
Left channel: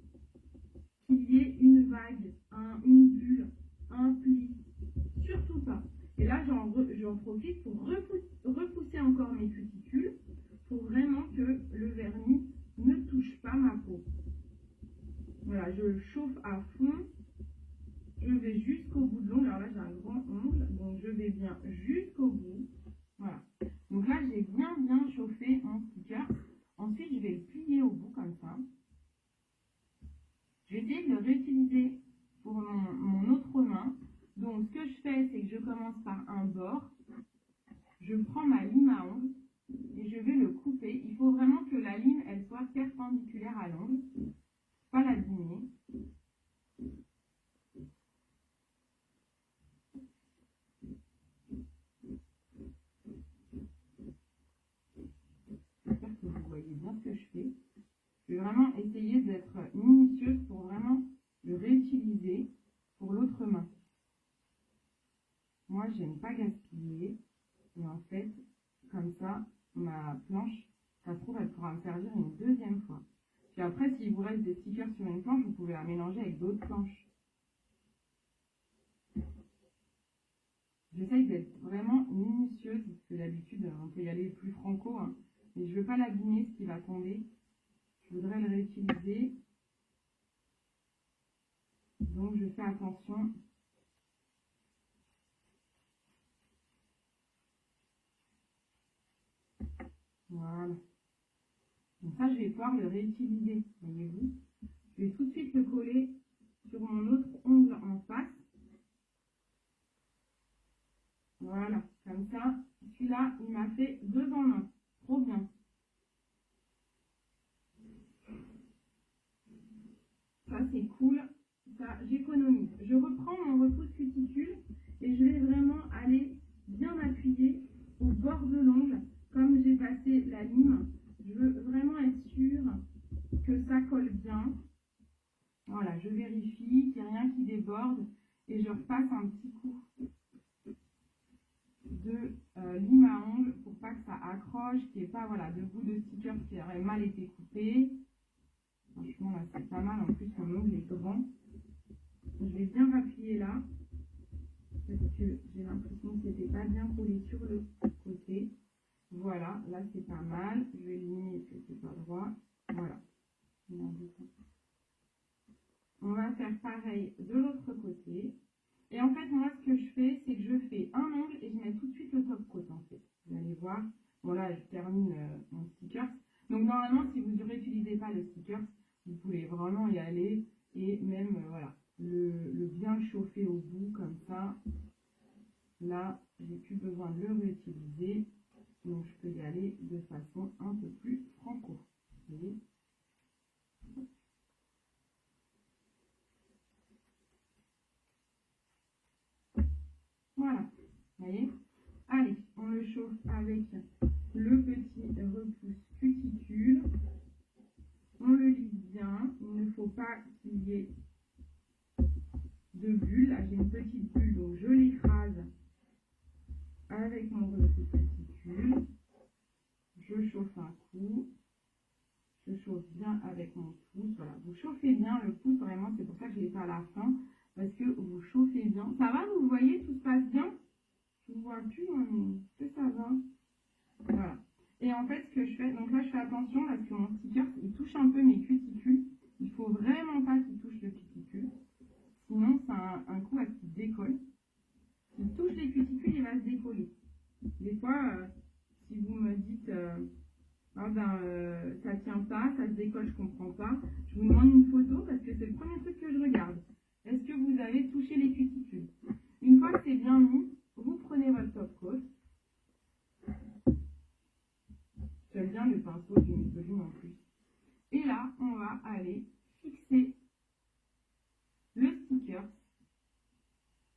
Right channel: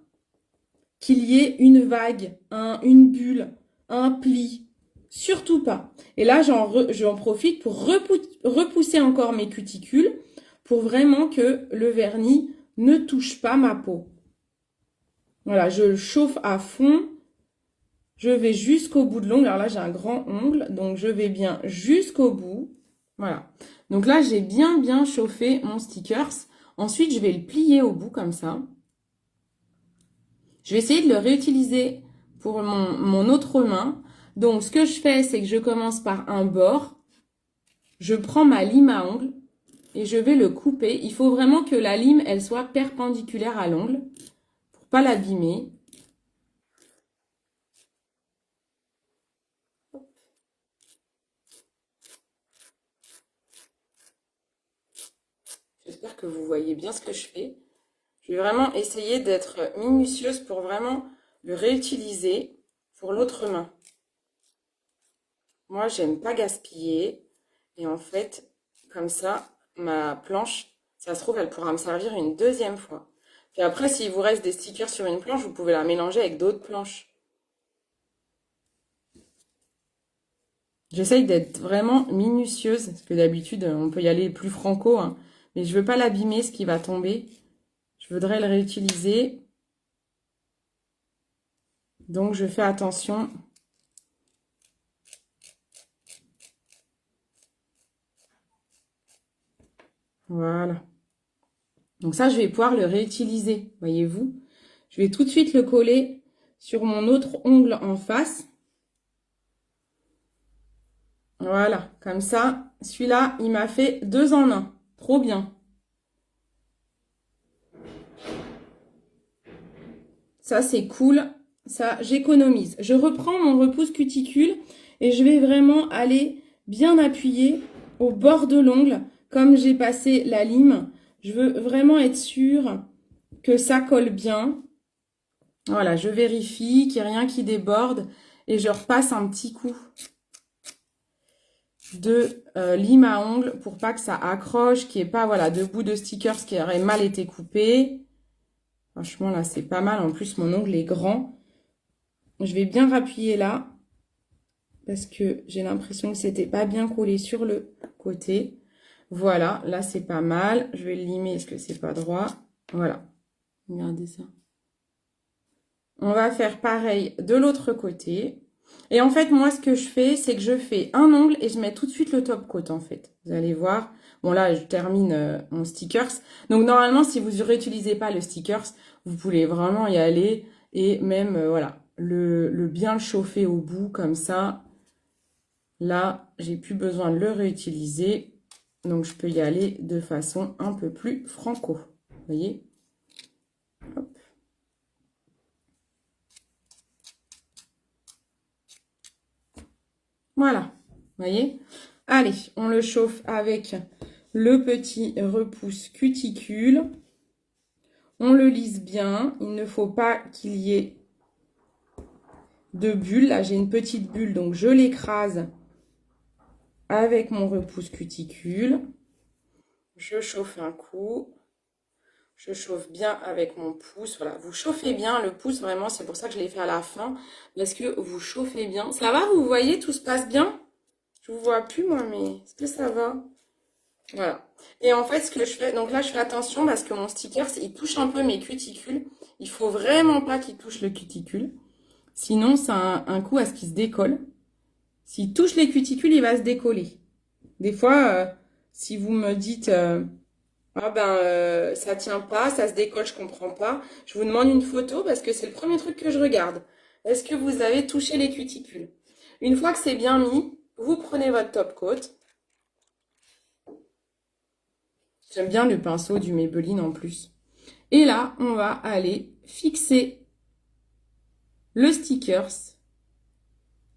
qu'il y ait une vague, une bulle, un pli. Surtout pas. Et là, j'en profite pour repousser encore mes cuticules pour vraiment que le vernis ne touche pas ma peau. Voilà, je le chauffe à fond. Je vais jusqu'au bout de l'ongle. Alors là, j'ai un grand ongle, donc je vais bien jusqu'au bout. Voilà. Donc là, j'ai bien chauffé mon stickers. Ensuite, je vais le plier au bout comme ça. Je vais essayer de le réutiliser pour mon autre main. Donc, ce que je fais, c'est que je commence par un bord. Je prends ma lime à ongles et je vais le couper. Il faut vraiment que la lime, elle soit perpendiculaire à l'ongle pour ne pas l'abîmer. J'espère que vous voyez bien ce que je fais. Je vais vraiment essayer d'être minutieuse pour vraiment le réutiliser pour l'autre main. Moi, j'aime pas gaspiller. Et en fait, comme ça, ma planche, ça se trouve, elle pourra me servir une deuxième fois. Puis après, s'il vous reste des stickers sur une planche, vous pouvez la mélanger avec d'autres planches. J'essaye d'être vraiment minutieuse, parce que d'habitude, on peut y aller plus franco, hein, mais je veux pas l'abîmer, ce qui va tomber. Je voudrais le réutiliser. Donc, je fais attention. Voilà. Donc ça, je vais pouvoir le réutiliser, voyez-vous. Je vais tout de suite le coller sur mon autre ongle en face. Voilà, comme ça, celui-là, il m'a fait 2 en 1. Trop bien. Ça, c'est cool. Ça, j'économise. Je reprends mon repousse cuticule et je vais vraiment aller bien appuyer au bord de l'ongle. Comme j'ai passé la lime, je veux vraiment être sûre que ça colle bien. Voilà, je vérifie qu'il n'y a rien qui déborde et je repasse un petit coup. de lime à ongles pour pas que ça accroche, qu'il n'y ait pas voilà, de bout de stickers qui aurait mal été coupé. Franchement, là, c'est pas mal. En plus, mon ongle est grand. Je vais bien rappuyer là parce que j'ai l'impression que c'était pas bien collé sur le côté. Voilà, là, c'est pas mal. Je vais le limer. Est-ce que c'est pas droit? Voilà. Regardez ça. On va faire pareil de l'autre côté. Et en fait, moi, ce que je fais, c'est que je fais un ongle et je mets tout de suite le top coat, en fait. Vous allez voir. Bon, là, je termine mon stickers. Donc, normalement, si vous ne réutilisez pas le stickers, vous pouvez vraiment y aller et même, voilà, bien le chauffer au bout, comme ça. Là, j'ai plus besoin de le réutiliser. Donc, je peux y aller de façon un peu plus franco. Vous voyez? Hop. Voilà, vous voyez? Allez, on le chauffe avec le petit repousse cuticule. On le lisse bien. Il ne faut pas qu'il y ait de bulles. Là, j'ai une petite bulle, donc je l'écrase avec mon repousse cuticule. Je chauffe un coup. Je chauffe bien avec mon pouce. Voilà, vous chauffez bien le pouce, vraiment. C'est pour ça que je l'ai fait à la fin. Parce que vous chauffez bien. Ça va, vous voyez, tout se passe bien? Je vous vois plus, moi, mais est-ce que ça va? Voilà. Et en fait, ce que je fais, donc là, je fais attention parce que mon sticker, il touche un peu mes cuticules. Il faut vraiment pas qu'il touche le cuticule. Sinon, ça a un coup à ce qu'il se décolle. S'il touche les cuticules, il va se décoller. Des fois, si vous me dites, ah ben, ça tient pas, ça se décolle, je comprends pas, je vous demande une photo parce que c'est le premier truc que je regarde. Est-ce que vous avez touché les cuticules? Une fois que c'est bien mis, vous prenez votre top coat. J'aime bien le pinceau du Maybelline en plus. Et là, on va aller fixer le stickers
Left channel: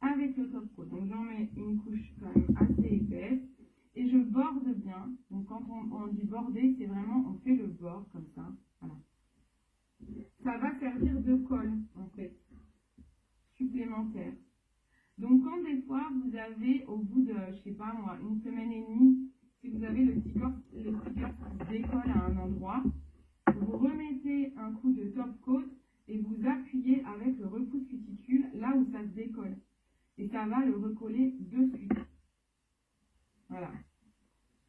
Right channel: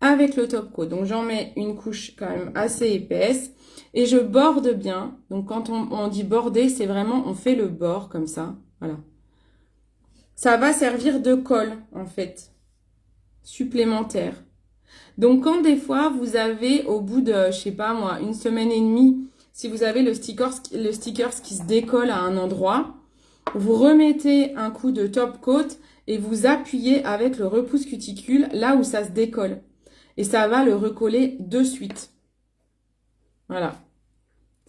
avec le top coat. Donc, j'en mets une couche quand même assez épaisse. Et je borde bien. Donc, quand on dit border, c'est vraiment, on fait le bord comme ça. Voilà. Ça va servir de colle, en fait, supplémentaire. Donc, quand des fois, vous avez, au bout de, je sais pas moi, une semaine et demie, si vous avez le stickers qui se décolle à un endroit, vous remettez un coup de top coat et vous appuyez avec le repousse cuticule là où ça se décolle. Et ça va le recoller de suite. Voilà.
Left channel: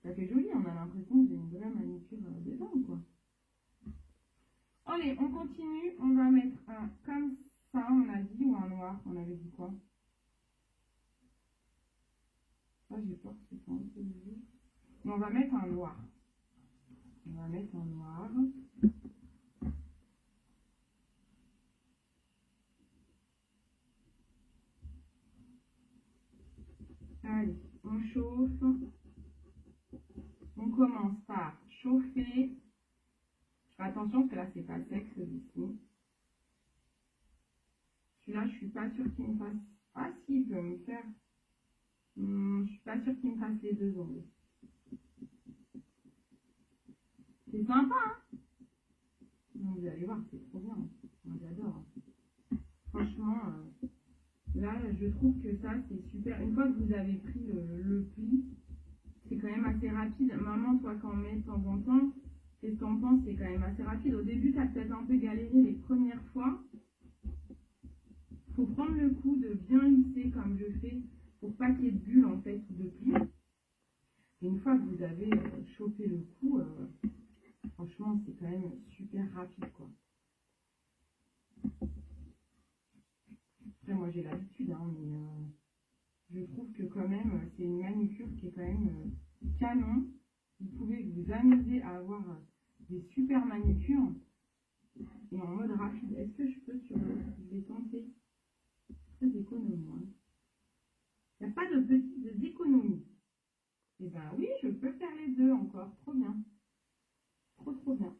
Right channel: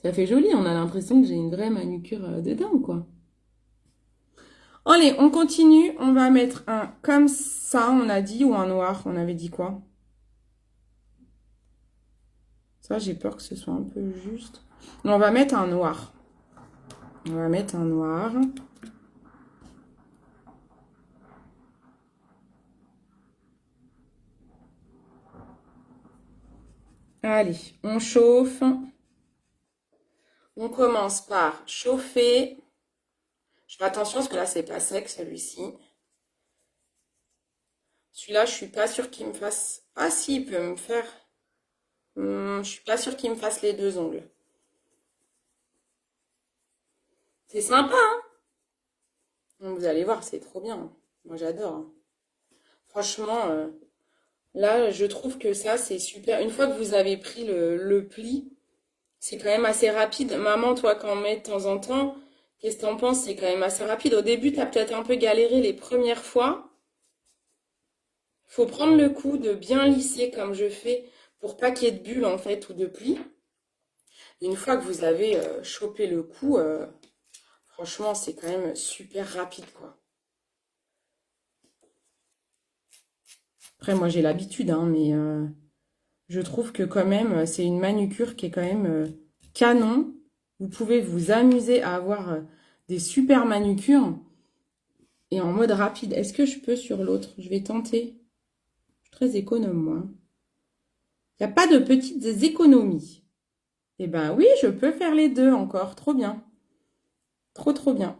Ça fait joli, on a l'impression que j'ai une vraie manucure dedans, quoi. Allez, on continue. On va mettre un comme ça, on a dit, ou un noir. On avait dit quoi? Ça, j'ai peur que ce soit un peu juste. On va mettre un noir. On va mettre un noir. Allez, on chauffe. On commence par chauffer. Je fais attention parce que là, c'est pas sec, celui-ci. Celui-là, je suis pas sûre qu'il me fasse... Ah si, il peut me faire... je suis pas sûre qu'il me fasse les deux ongles. C'est sympa, hein? Vous allez voir, c'est trop bien. Moi, j'adore. Franchement, là, je trouve que ça, c'est super. Une fois que vous avez pris le pli, c'est quand même assez rapide. Maman, toi, quand on met de temps en temps, qu'est-ce que t'en penses? C'est quand même assez rapide. Au début, t'as peut-être un peu galéré les premières fois. Il faut prendre le coup de bien lisser comme je fais pour pas qu'il y ait de bulles, en fait, ou de plis. Une fois que vous avez chopé le coup, franchement, c'est quand même super rapide, quoi. Après, moi, j'ai l'habitude, hein, mais je trouve que quand même, c'est une manucure qui est quand même canon. Vous pouvez vous amuser à avoir des super manucures et en mode rapide. Est-ce que je peux sur l'autre? Je vais tenter. Je suis très économe, moi. Il n'y a pas de petites économies. Eh ben oui, je peux faire les deux encore. Trop bien. Trop, trop bien.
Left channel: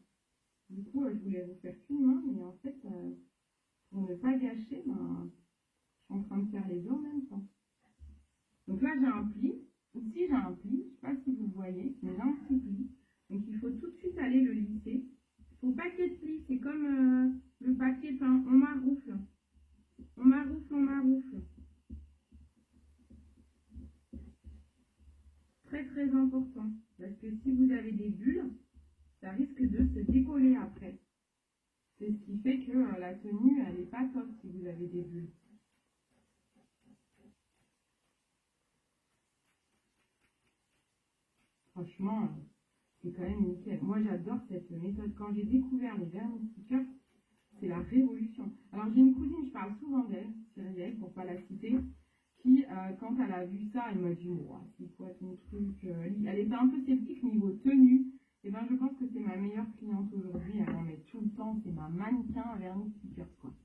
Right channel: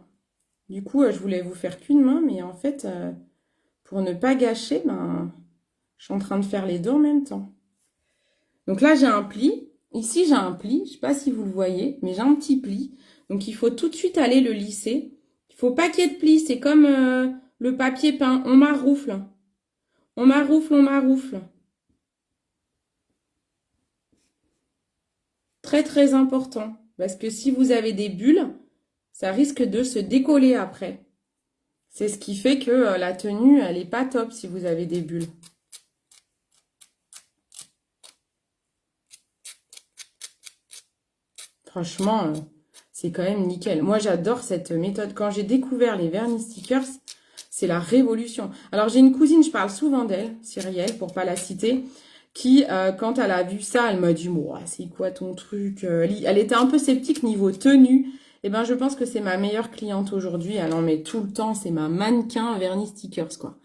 Du coup, je voulais vous faire qu'une main, mais en fait, pour ne pas gâcher, ben, je suis en train de faire les deux en même temps. Donc là, j'ai un pli. Ici, j'ai un pli. Je ne sais pas si vous le voyez, mais j'ai un petit pli. Donc, il faut tout de suite aller le lisser. Il ne faut pas qu'il y ait de pli. C'est comme le papier peint. On maroufle. On maroufle, on maroufle. très très important. Parce que si vous avez des bulles, ça risque de se décoller après. C'est ce qui fait que la tenue, elle n'est pas top si vous avez des bulles. Franchement, c'est quand même nickel. Moi, j'adore cette méthode. Quand j'ai découvert les vernis stickers, c'est la révolution. Alors, j'ai une cousine, je parle souvent d'elle, Cyrielle, pour pas la citer, qui, quand elle a vu ça, elle m'a dit, moi, c'est quoi ton truc? Elle était un peu sceptique niveau tenue. Eh ben, je pense que c'est ma meilleure cliente aujourd'hui. Elle en met tout le temps. C'est ma mannequin vernis stickers, quoi.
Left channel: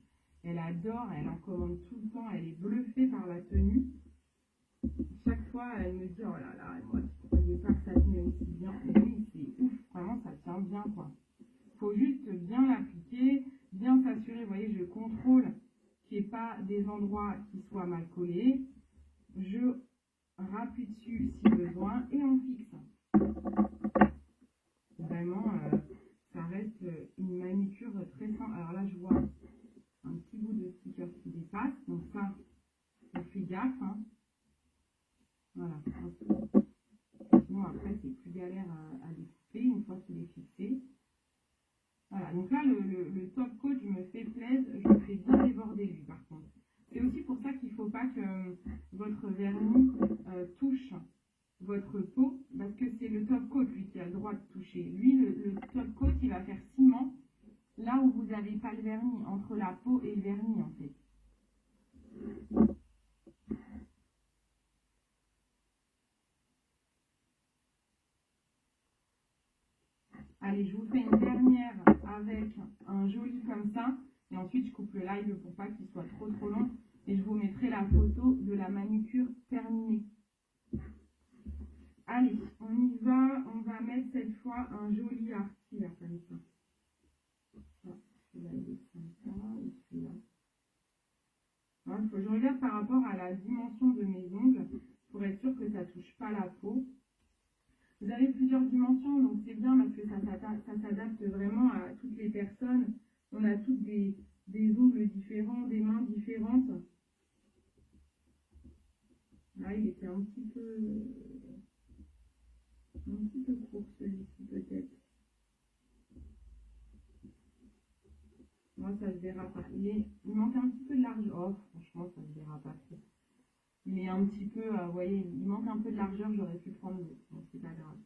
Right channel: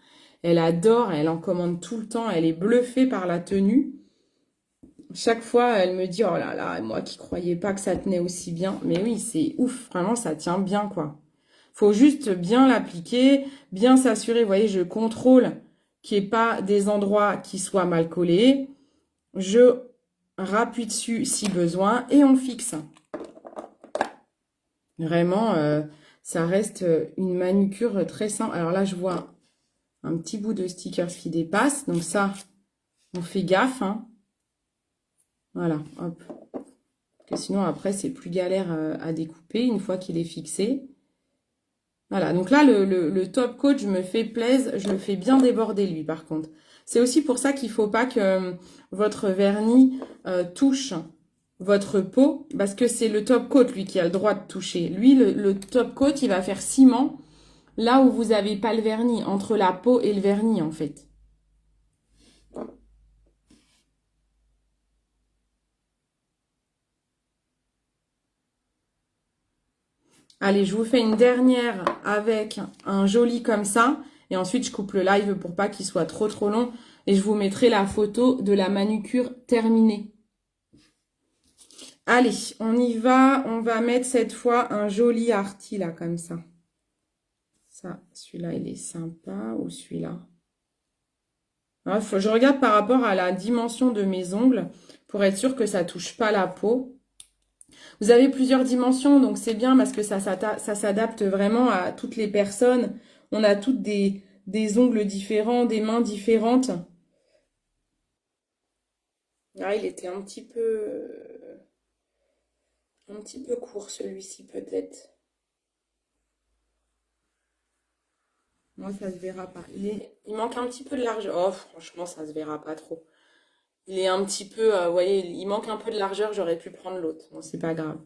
Elle adore, elle en commande tout le temps. Elle est bluffée par la tenue. Chaque fois, elle me dit, oh là là, moi qui croyais pas que ça tenait aussi bien. Mais oui, c'est ouf, vraiment, ça tient bien, quoi. Faut juste bien l'appliquer, bien s'assurer, vous voyez, je contrôle qu'il n'y ait pas des endroits qui soient mal collés. Je rappuie dessus si besoin et on fixe. Vraiment, ça reste une manucure très simple. Alors là, je vois un petit bout de stickers qui dépasse. Donc ça, on fait gaffe, hein. Voilà, hop. Parce que sinon, après, c'est plus galère à découper une fois qu'il est fixé. Voilà, donc là, le top coat, je me fais plaisir, je le fais bien déborder, lui, par contre. C'est aussi pour ça qu'il ne faut pas que votre vernis touche votre peau, parce que c'est le top coat, lui, qui a le droit de toucher. Lui, le top coat, il va faire ciment là où vous n'avez pas le vernis, entre la peau et le vernis, en fait. Allez, je vous fais une dernière avec un joli comme ça. Et ensuite, je coupe le live pour pas qu'il soit trop long. Et je vous mettrai la photo de la manucure terminée. Allez, on y va. On va mettre cette fois un joli arty là, comme ça. Ça, celui-là, il est sympa. Ou celui-là. Je regarde par rapport à la dimension de mes ongles pour être sûr que ça touche pas la peau. Vous avez plusieurs dimensions, donc c'est bien parce que ça s'adapte vraiment à toutes les personnes. On a toutes des ongles différents, des mains différentes. Ah, il était un petit peu court celui-ci peut-être. Moi, ça se verra pas. Il manque un petit peu de largeur. Oh, franchement, ça se verra pas trop. Il est un petit peu, vous voyez, il manque un peu de largeur. J'aurais pu prendre l'autre. Bon, c'est pas grave.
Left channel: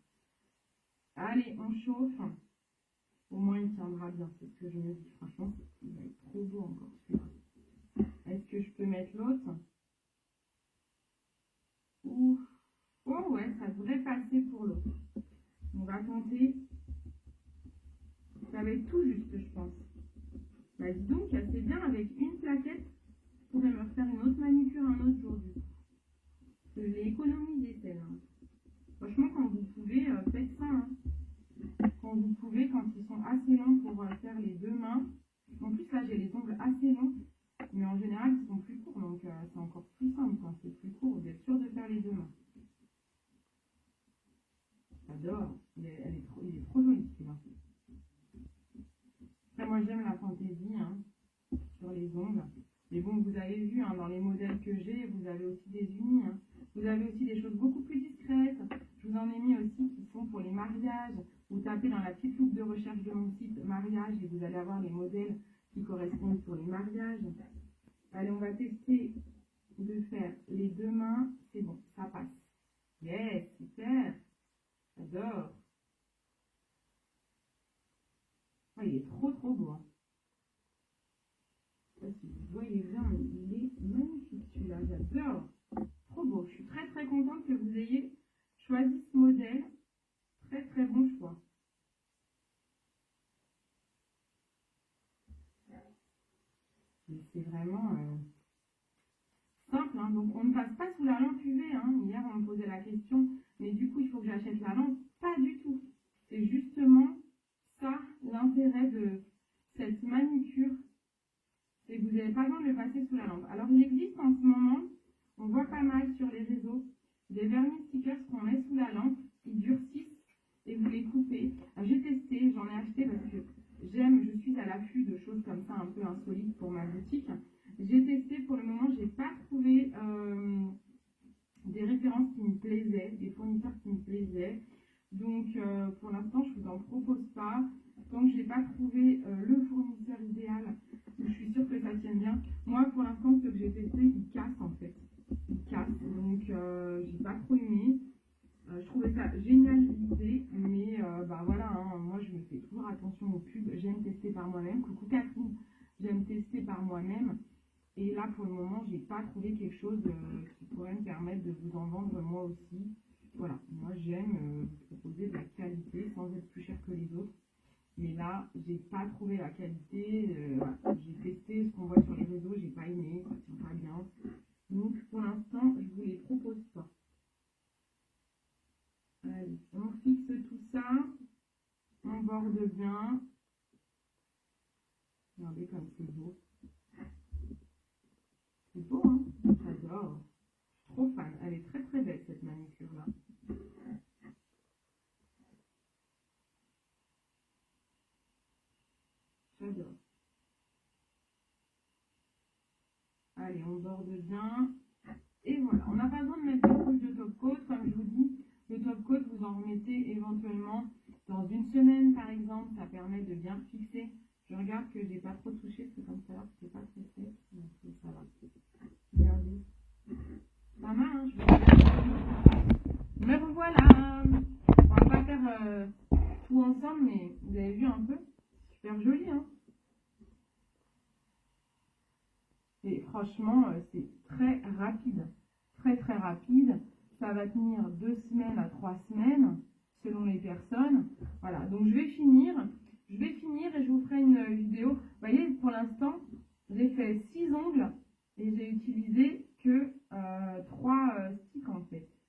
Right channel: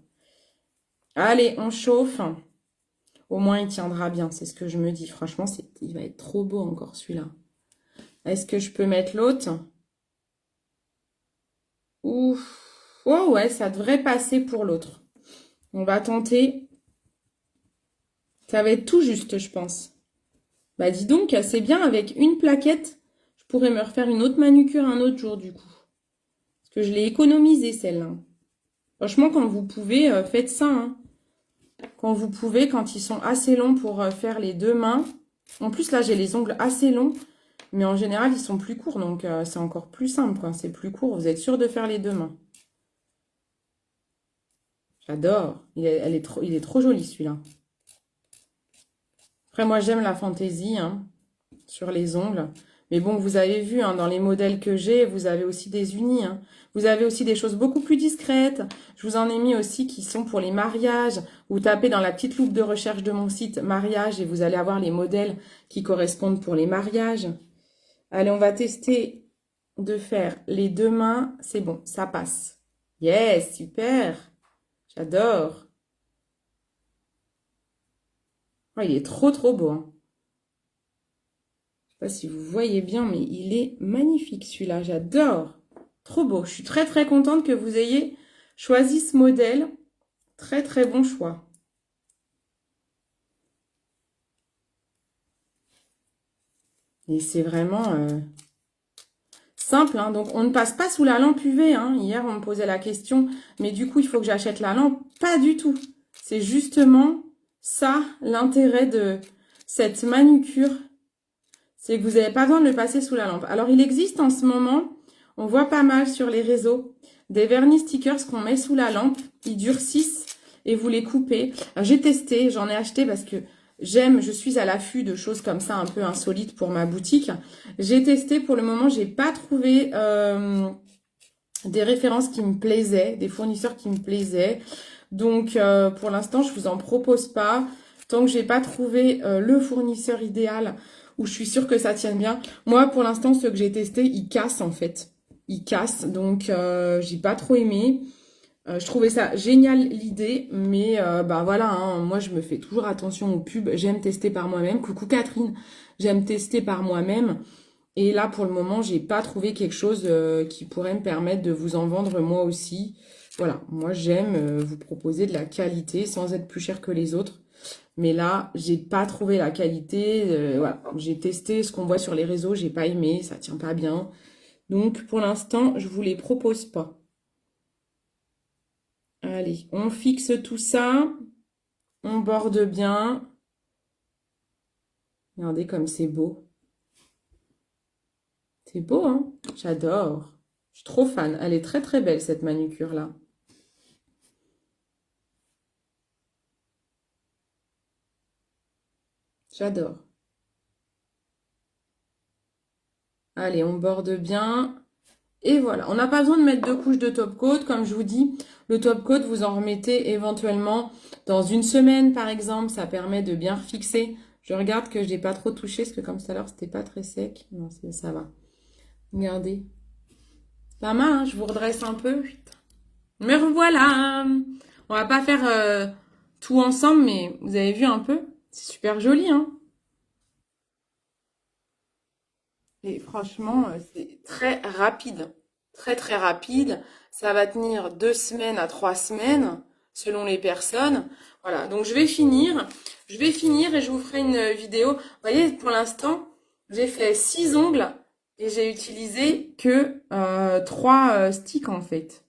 Allez, on chauffe. Au moins, il tiendra bien. C'est ce que je me dis. Franchement, il va être trop beau encore celui-là. Est-ce que je peux mettre l'autre? Ouf. Oh ouais, ça devrait passer pour l'autre. On va tenter. Ça va être tout juste, je pense. Bah dis donc, c'est bien avec une plaquette. Je pourrais me refaire une autre manucure un autre jour du coup. Parce que je l'ai économisée celle-là. Franchement, quand vous pouvez, faites ça. Hein. Quand vous pouvez, quand ils sont assez longs pour faire les deux mains. En plus, là, j'ai les ongles assez longs. Mais en général, ils sont plus courts. Donc, c'est encore plus simple. C'est plus court. Vous êtes sûr de faire les deux mains. J'adore. Il est trop joli, celui-là. Après, moi, j'aime la fantaisie sur les ongles. Mais bon, vous avez vu, dans les modèles que j'ai, vous avez aussi des unis. Vous avez aussi des choses beaucoup plus discrètes. Je vous en ai mis aussi qui sont pour les mariages. Vous tapez dans la petite loupe de recherche de mon site mariage et vous allez avoir les modèles qui correspondent pour les mariages. Allez, on va tester de faire les deux mains. C'est bon, ça passe. Yes, super. J'adore. Oh, il est trop beau. Je ne sais pas si vous voyez bien, mais il est magnifique celui-là. J'adore. Trop beau. Je suis très contente que vous ayez choisi ce modèle. Très bon choix. Et c'est vraiment simple. Donc, on ne passe pas sous la lampe UV. Hier, on me posait la question. Mais du coup, il faut que j'achète la lampe. Pas du tout. C'est justement ça, l'intérêt de cette manucure. C'est que vous n'avez pas besoin de le passer sous la lampe. Alors, il existe en ce moment, on voit pas mal sur les réseaux, des vernis stickers qu'on met sous la lampe. Ils durcissent et vous les coupez. J'ai testé, j'en ai acheté parce que je suis à l'affût de choses comme ça un peu insolites pour ma boutique. J'ai testé, pour le moment, j'ai pas trouvé des références qui me plaisaient, des fournisseurs qui me plaisaient. Donc, pour l'instant, je vous en propose pas. Tant que j'ai pas trouvé le fournisseur idéal où je suis sûre que ça tienne bien. Moi, pour l'instant, ceux que j'ai testés, ils cassent en fait. Ils cassent, donc j'ai pas trop aimé. Je trouvais ça génial l'idée, mais bah voilà, hein, moi je me fais toujours attention aux pubs. J'aime tester par moi-même. Coucou Catherine, j'aime tester par moi-même. Et là, pour le moment, j'ai pas trouvé quelque chose qui pourrait me permettre de vous en vendre moi aussi. Voilà, moi j'aime vous proposer de la qualité sans être plus cher que les autres. Mais là, j'ai pas trouvé la qualité. Voilà, j'ai testé ce qu'on voit sur les réseaux, j'ai pas aimé, ça tient pas bien. Donc pour l'instant, je vous les propose pas. Allez, on fixe tout ça. On borde bien. Regardez comme c'est beau. C'est beau, hein? J'adore. Je suis trop fan. Elle est très très belle cette manucure-là. J'adore. Allez, on borde bien. Et voilà. On n'a pas besoin de mettre 2 couches de top coat. Comme je vous dis, le top coat, vous en remettez éventuellement dans une semaine, par exemple. Ça permet de bien refixer. Je regarde que je n'ai pas trop touché, parce que comme tout à l'heure, c'était pas très sec. Non, ça va. Regardez. Pas mal, hein, je vous redresse un peu. Me revoilà. On va pas faire tout ensemble, mais vous avez vu un peu. C'est super joli, hein. Et franchement, c'est très rapide. Très, très rapide. Ça va tenir 2 semaines à 3 semaines, selon les personnes. Voilà, donc je vais finir. Je vais finir et je vous ferai une vidéo. Vous voyez, pour l'instant, j'ai fait 6 ongles et j'ai utilisé que 3 sticks en fait.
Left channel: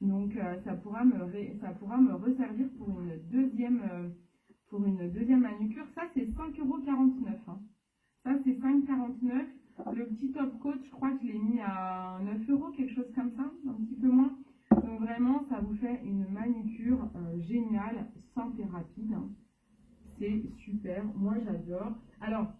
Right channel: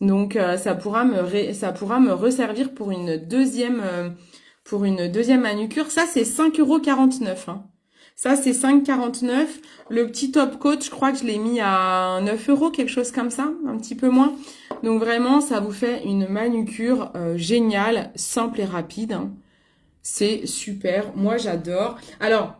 Donc ça pourra me resservir pour une deuxième manucure. Ça, c'est 5,49 €. Hein. Ça, c'est 5,49 €. Le petit top coat, je crois que je l'ai mis à 9 €, quelque chose comme ça, un petit peu moins. Donc vraiment, ça vous fait une manucure géniale, simple et rapide. Hein. C'est super. Moi, j'adore. Alors,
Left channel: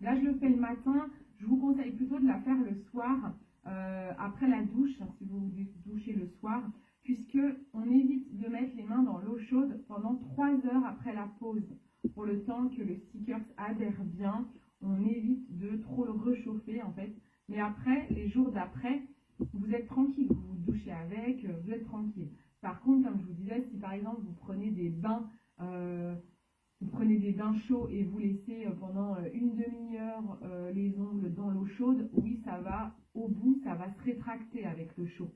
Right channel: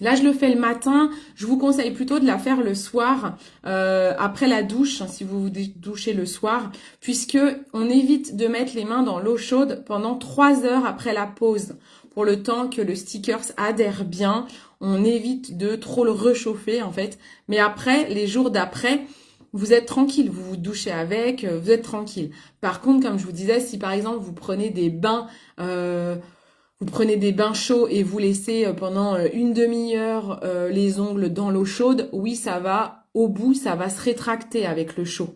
là, je le fais le matin. Je vous conseille plutôt de la faire le soir, après la douche, hein, si vous vous douchez le soir, puisque on évite de mettre les mains dans l'eau chaude pendant 3 heures après la pause, pour le temps que le sticker adhère bien. On évite de trop le réchauffer, en fait. Mais après, les jours d'après, vous êtes tranquille. Vous vous douchez avec, vous êtes tranquille. Par contre, comme je vous disais, si par exemple, vous prenez des bains... vous prenez des bains chauds et vous laissez pendant une demi-heure les ongles dans l'eau chaude, oui, ça va, au bout, ça va se rétracter avec le chaud.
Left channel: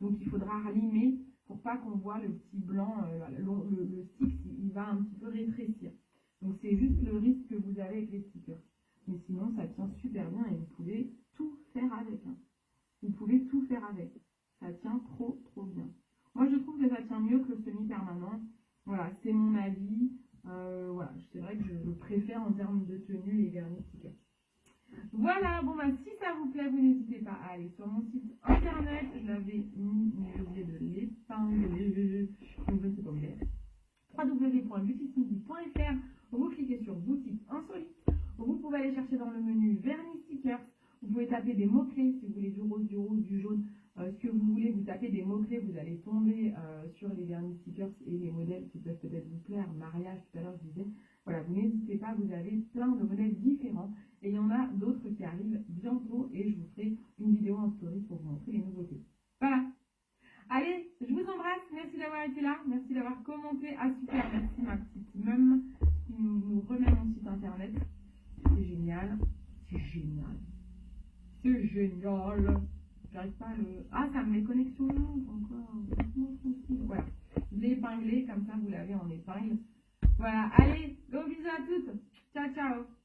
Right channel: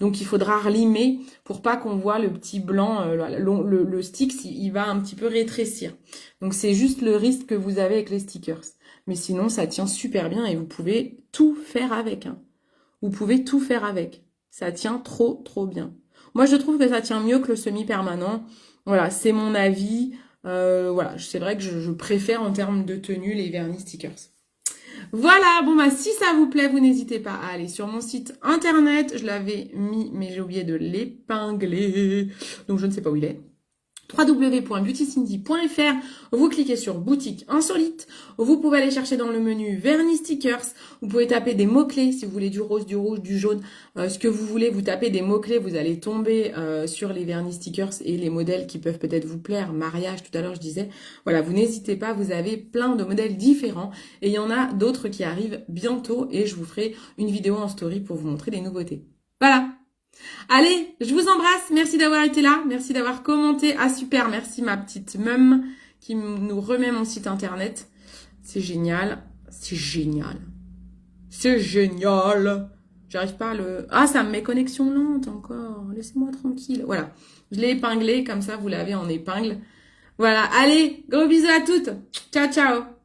Donc, il faudra relimer pour pas qu'on voit le petit blanc, le stick, il va un petit peu rétrécir. Donc, c'est juste le risque que vous avez avec les stickers. Mais sinon, ça tient super bien et vous pouvez tout faire avec. Hein. Vous pouvez tout faire avec. Ça tient trop, trop bien. Moi, je trouve que ça tient mieux que le semi-permanent. Voilà, c'est mon avis. Voilà, c'est vrai que je préfère en termes de tenue les vernis stickers. Voilà, bon bah si ça vous plaît, vous n'hésitez pas à aller sur mon site internet. Je l'avais mis, mais j'ai oublié de l'épingler. Donc je ne sais pas où il est. www.beautycindy.fr. Vous cliquez sur boutique insolite. Vous pouvez aller chercher dans le menu vernis stickers. Vous pouvez taper des mots-clés si vous voulez du rose, du rouge, du jaune, ce que vous voulez. Vous tapez des mots-clés, vous allez tomber sur les vernis stickers et les modèles qui peuvent peut-être vous plaire. Mariage, tout à l'heure je disais. Voilà, vous n'hésitez pas, vous avez plein de modèles différents et il y en a d'autres qui arrivent bientôt et je vous ferai une vidéo en story pour vous montrer les nouveautés. Voilà. Allez, je vous embrasse. Merci d'avoir été là. Merci d'avoir commenté. Ah, super. Merci ma petite mum qui nous remet mon site internet. C'est génial. C'est génial. C'est génial. J'arrive pas à le... Ah, ça me met connexion lente encore. Laissez-moi tranquille. Voilà. Je l'ai épinglé. Comme ça, vous l'avez en épingle. Voilà. Allez, gros bisous à toutes. Ciao, ciao.